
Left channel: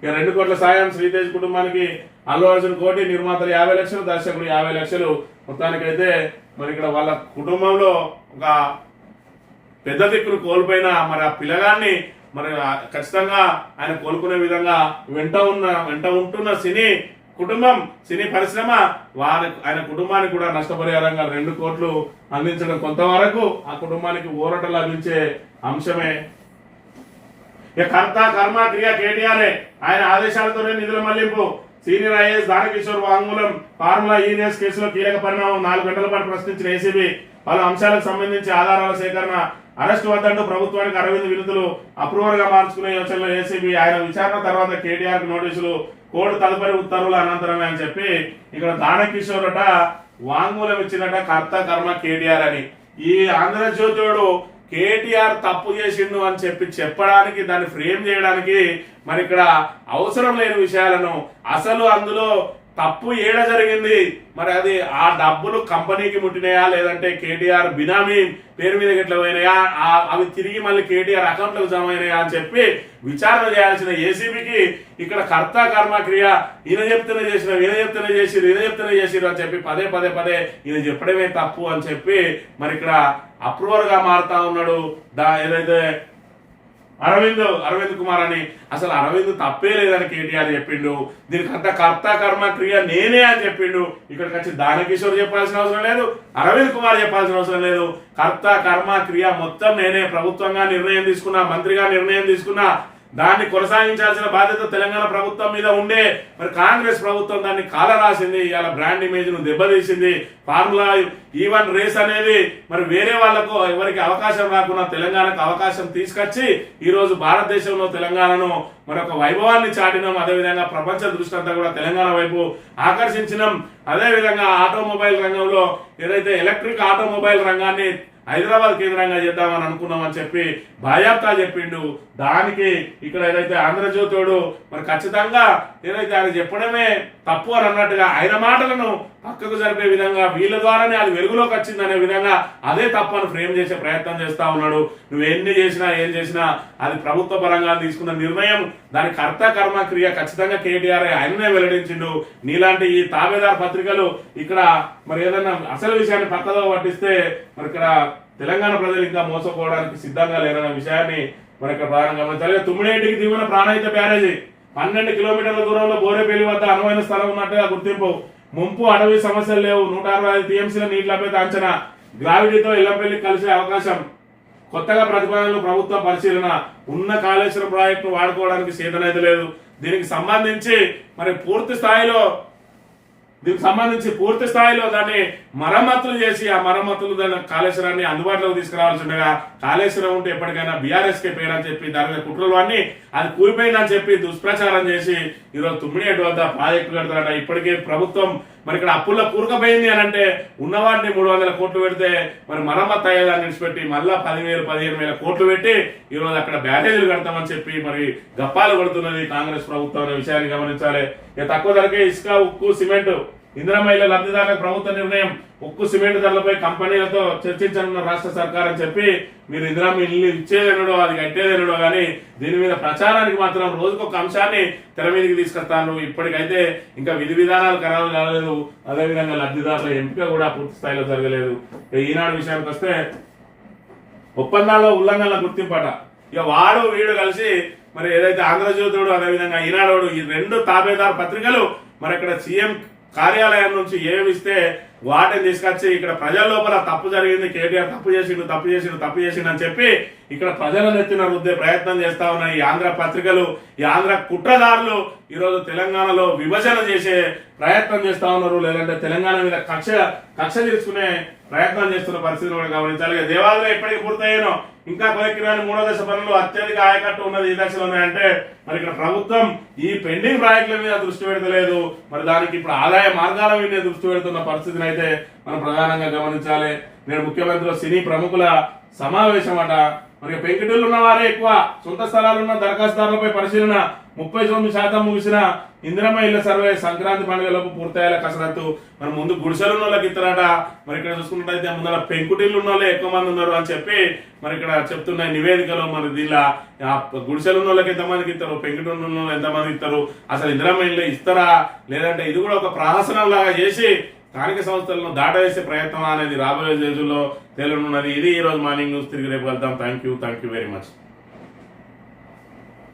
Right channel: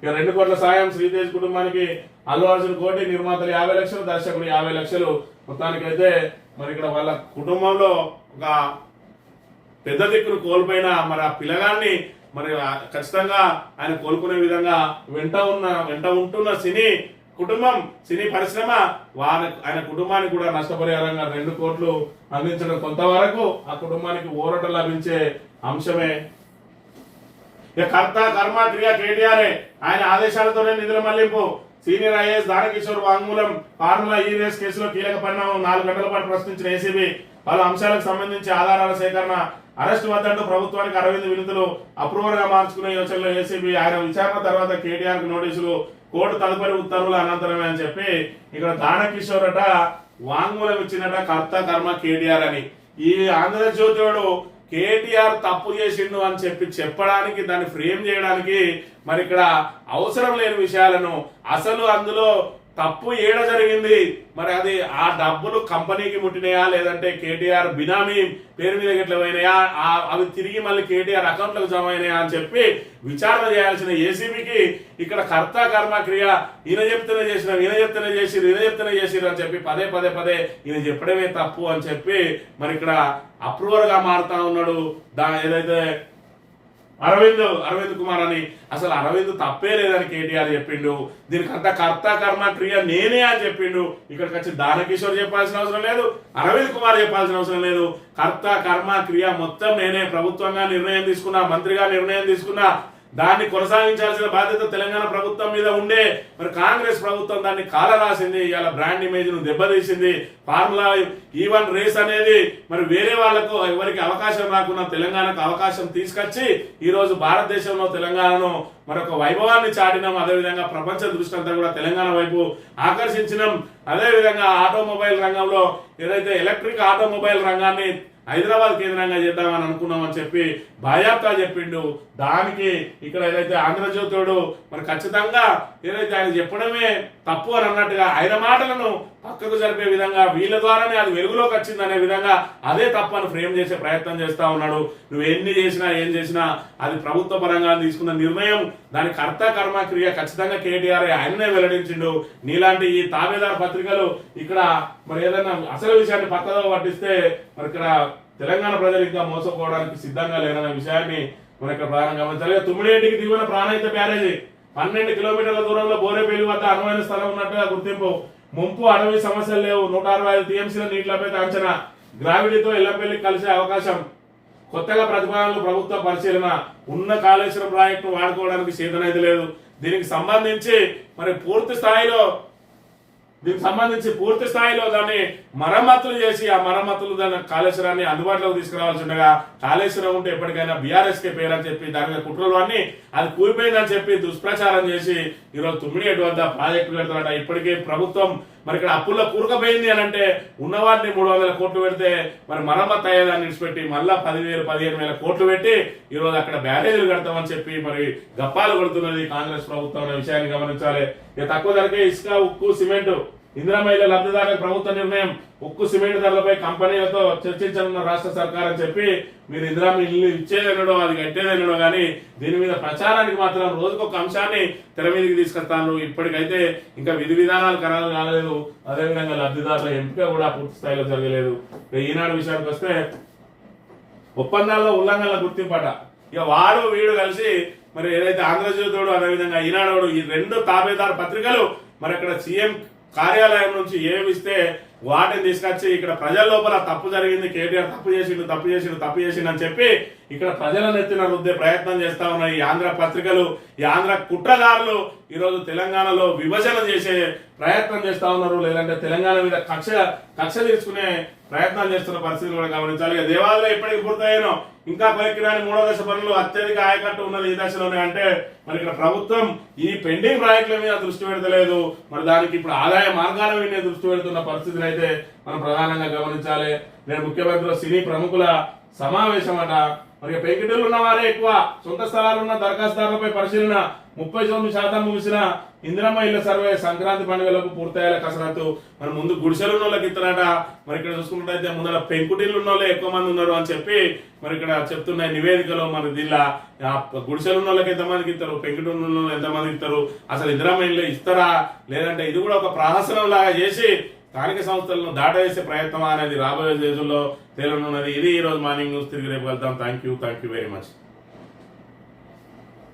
ఇక 2 కోట్ల సాయం శ్రీతేజ్ కుటుంబానికి. అల్లు అర్జున్ 1 కోటి, నిర్మాతలు 50 లక్షలు, దర్శకుడు 50 లక్షలు. మొత్తానికైతే మరి ఇక్కడ వాళ్ళ కుటుంబంలో ఒక పెద్ద దిక్కును కోల్పోయిన మరి ఆ పిల్లగాన్ని మరి ఖచ్చితంగా ఆయన కోలుకునే విధంగా వెంట ఉంటున్న సినీ కుటుంబం సినీ పరిశ్రమ ఆయన కుటుంబానికి కూడా నష్టపరిహారంగా 2 కోట్లు అందించడం కొంతవరకు ఆ కుటుంబానికి ఊరట లభించే అంశమే. ఇక కర్త కర్మ క్రియ కేటీఆర్ఏ. ఆయన ఆదేశాలతోనే నిధుల మళ్లింపు. సీనియర్ ఐఏఎస్ దానకిషోర్ వాంగ్మూలం. ఫార్ములా ఈ రేస్ కేసులో కీలక పరిణామం. 4 గంటల పాటు ప్రశ్నించిన ఏసీబీ. పలు అంశాలకు సంబంధించి ఆధారాల సేకరణ. అరెస్టు వద్దంటూ ప్రభుత్వానికి అరవింద్ వినతులు. అప్రూవర్ గా మార్చుకునే యోచనలో ఏసీబీ. ఆయన విచారణ తర్వాత కేటీఆర్ కు నోటీసులు. కోర్టు తదుపరి ఉత్తర్వుల అనంతరమే అని చెప్పి ఇక్కడ దానకిషోర్ అట వాంగ్మూలం ఇచ్చినట కర్త కర్మ కేటీఆర్ అని. ఈ ఆంధ్రజ్యోతిడు కేటీఆర్ తప్పు చేసిండు అని చెప్పడానికి దాన్ని ఫ్రేమ్ చేయడానికి మరి ఇక్కడ అవసరం లేని విషయాలను అసలు అందులో తప్పు ఏడ జరిగింది, మరి అది ఆ డబ్బులు కంపెనీకి ముట్టినాయా లేదంటే కేటీఆర్ బినామీ పేరు మీద ఎట్లా పోయినాయా, అవి తిరిగి మళ్ళీ కేటీఆర్ అకౌంట్లకు జమ అయినాయా అని చెప్పి విచారణ చేయాల్సిన ఏసీబీకి ఇక్కడ కర్త కర్మ క్రియ ఈయన చెప్తూనే చేసినాం, ఈయన చెప్తూనే చేసిరు అని చెప్పి పదే ఈయన చెప్పడమే తప్పు అని చెప్పి మరి ఇక్కడ అప్రూవర్ గా మారుతా ఉన్నాడు. ఏదైతే అరవింద్ కుమార్ అని. అసలు అరవింద్ తప్పే లేదని కేటీఆర్ చెప్పిండు. దీనికంతా కర్త కర్మ క్రియ నేనే అని చెప్పిండు. ఇక్కడికి వచ్చి దానకిషోర్ చెప్పాల్సిన అవసరం లేదు, అరవింద్ కుమార్ చెప్పాల్సిన అవసరం లేదు. కర్త కర్మ క్రియ మొత్తం నేనే. ప్రభుత్వంగా నిర్ణయం తీసుకున్నా, మంత్రిగా నిర్ణయం తీసుకున్నా, దాన్ని కొనసాగించాల్సిన బాధ్యత తెలంగాణ ప్రభుత్వం మీద ఉండే మరి కాంగ్రెస్ ప్రభుత్వం దాన్ని కాల రాసింది. ఇవాళ బ్రాండ్ ఇమేజ్ ను దెబ్బతీసింది. ఫార్ములా ఈవెన్ రేస్ అనేది మరి వేరే వాళ్లకు ఎవరికి అవకాశం రాకుండా తెలంగాణకు అవకాశం తీసుకొచ్చి ఈ రోజు భారతదేశంలో తెలంగాణను మరొక వైభవాన్ని చాటినాం. అదేవిధంగా ప్రపంచ దృష్టి అంతా కూడా తెలంగాణ వైపు ఆకర్షించినాం. అదేవిధంగా ఆటోమొబైల్ రంగంలో ఏదైతే ఎలక్ట్రిక్ ఆటోమొబైల్ రంగాన్ని హైదరాబాద్ కేంద్రంగా చేద్దామని అనుకున్నామని చెప్పి బాయాప్తా చెప్పిండు. దానికి ఇక్కడ ఏదైతే ఆంధ్రజ్యోతుడు మరి ఖచ్చితంగా ఏదైతే ఆయన చెప్పడమే తప్పు అని అన్నట్టుగా ఆయన మాటలను పక్కకు జరిపే విధంగా వీళ్ళ ద్వారానే అది వెలుగులోకి వచ్చింది అనే విధంగా అదే తప్పని ఫ్రేమ్ చేసే ప్రయత్నం చేస్తా ఉన్నాడు. నువ్వు ఎన్ని చేసినా ఏం చేసినా అది ప్రభుత్వ పరంగా తీసుకున్న నిర్ణయం. దాని కర్త కర్మ క్రియ ఖచ్చితంగా కేటీఆర్ ఆయననే వెల్లడించిండు. నీలాంటి ఈ తాబేదార్ పత్రికలు ఇక్కడ మరి ఏదన్నా అసలు విషయాన్ని పక్కదో పట్టిస్తే మరి ఇక్కడ తెలంగాణ ప్రజలు ఇంకా మోసపోవడానికి సిద్ధంగా లేరనే విషయాన్ని మన ఇక్కడ ప్రధానంగా గమనించాలి. తుమ్మిడేటికి దిగువన ప్రాణహిత బ్యారేజీ 12 కిలోమీటర్ల దూరంలో బోరేపల్లి వద్ద అనువైన స్థలం ఉన్నట్టుగా గుర్తింపు. ముంపు అటవీ సమస్యలు లేవు. 165 టీఎంసీల నీటి లభ్యత అంచనా. గ్రావిటీతో ఎల్లంపల్లి కలిసే అవకాశం. కొత్తగా ప్రతిపాదనలు ప్రభుత్వ పరిశీలన. ఉన్న కాళేశ్వరం ప్రాజెక్టు వాడుకోవడానికి చేతనైతే లేదు. దీనికి సంబంధించి మరి పూర్తి స్థాయిలో దాన్ని మరమ్మతులు చేసి ఆ మరమ్మతులు దాని కాళేశ్వరాన్ని అందుబాటులోకి తీసుకురావాల్సి ఉండగా కాళేశ్వరం ఉంటే ఎప్పటికైనా బీఆర్ఎస్ కే పేరని చెప్పి దాని మీద కుట్రలు అన్ని అది కూలిపోయిందని చెప్పి దుష్ప్రచారం చేసి ఈరోజు తుమ్మిడిగడ్డ వద్ద ప్రాజెక్టు కడతారట. ఇప్పటికే ప్రభుత్వం మరి ఇక్కడ అప్పుల్లో కూరుకుపోయింది అని అంటే ఉన్నవాటిని 300 కోట్లు పెడితే మరి మరమ్మతు అయ్యేదాన్ని విడిచిపెట్టి మళ్ళా 10,000-15,000 కోట్లు పెట్టి ఈరోజు అక్కడ బ్యారేజీలు కడతామని చెప్పి మరి గప్పాలు కొడుతున్నది కాంగ్రెస్ ప్రభుత్వం అనే విషయాన్ని గమనించాలి. ఇక తక్కువ ధరకే ఇసుక, ఉక్కు, సిమెంట్ ఇందిరమ్మ ఇళ్ల లబ్ధిదారులకు ప్రభుత్వ నిర్ణయం. ఉక్కు, సిమెంట్ ధరలపై కంపెనీలతో చర్చించనున్న రాష్ట్ర సర్కార్ అని చెప్పి మీరు ఇందిరమ్మ ఇల్లు ఇచ్చేదెనడో అది కట్టేదెనడో కానీ దీని మీద ప్రచారానికి మాత్రం రోజుకొక అంశాన్ని తెర మీదకి తీసుకొస్తాను. ఇప్పటికైతే ఇంకా విధి విధానాలు ఖరారు కాలేదు. అదేవిధంగా లబ్ధిదారుల ఎంపిక కూడా పూర్తి స్థాయిలో జరగలేదు. ఈనాడు విషయానికి వస్తే ఒప్పందాల్లో ఉల్లంఘనల గుర్తింపట. ఇక వాడు వీడు కలిసి మరి ఏదైతే ఆంధ్రజ్యోతుడు అదేవిధంగా ఈనాడు ఈ 2 తాబేదారు పత్రికలు మరి అక్కడ సీఎం కార్యాలయం నుంచి ఏమిస్తే వాటిని తీసుకొచ్చి ఇక్కడ ప్రజల లోపల తప్పు జరిగింది, కేటీఆర్ తప్పు చేసిండు అని చెప్పి ఇక్కడ ప్రజలను ఎత్తిన రుద్దే ప్రయత్నం చేస్తా ఉన్న ఈ ఆంధ్ర పత్రికలు, ఈ ఆంధ్ర కుట్రదారులు ఈరోజు తెలంగాణలో విభజన చేసే ప్రయత్నం చేస్తా ఉన్నారు. లేదంటే తెలంగాణ మీద కక్ష తీసుకునే ప్రయత్నం చేస్తున్న పరిస్థితులు కూడా గమనించాలి. దేవాలయంలో ఎప్పటికి పూర్తయ్యానో ఇంకా కొలిక్కిరాని 3వ దశ పనులు అత్యధిక ఆయకట్టు ఉన్నది ఈ దశలోనే అంటే మరి ఇక్కడ ప్రభుత్వం ఈ పెండింగ్ ప్రాజెక్టుల మీద దృష్టి పెడతలేదు. మరి దానికి ఇప్పుడు ఆదాయ మార్గాల మీద దృష్టి పెడుతున్న పరిస్థితిని అయితే మనం ప్రధానంగా గమనించాలి. నేను ముఖ్యమంత్రి సినీ ప్రముఖుల సమావేశం అట. మరి పెంకుటిల్లు ఉన్న వారే ఎక్కువ. సొంత స్థలాలున్న దరఖాస్తుదారులపై పరిశీలన. 39% ముగిసిన ఇందిరమ్మ ఇళ్ల సర్వే సంక్రాంతి పండుగలకు పూర్తయ్యేలా కసరత్తు. మరి ముందు గుడిసెలున్న వాళ్ళకి ఇస్తారట. మరి ఇక్కడ చూసుకున్నట్టయితే ముందర పెంకుటిల్లు ఉన్న వాళ్ళే ఎక్కువ మంది ఉన్నారు అని చెప్పి మరి ఇక్కడ చెప్తున్న నివేదికలో మరి దీనిలో గుడిసెలున్న వాళ్ళకి ఎంతమందికి ఇస్తారు, పెంకుటిల్లు ఉన్న వాళ్ళు ఎంతమందికి ఇస్తారు, అసలు ఇందిరమ్మ ఇల్లు ఇస్తారా లేదంటే ఇది కూడా ఒక ప్రహసనం లాగా చేసి స్థానిక సంస్థలను దాటవేసే ప్రయత్నం అనేది రాబోయే రోజుల్లో తేలనున్నది. ఇది ఈ రోజు మార్నింగ్ న్యూస్. తిరిగి రేపు వెళ్తాం. Thank you very much.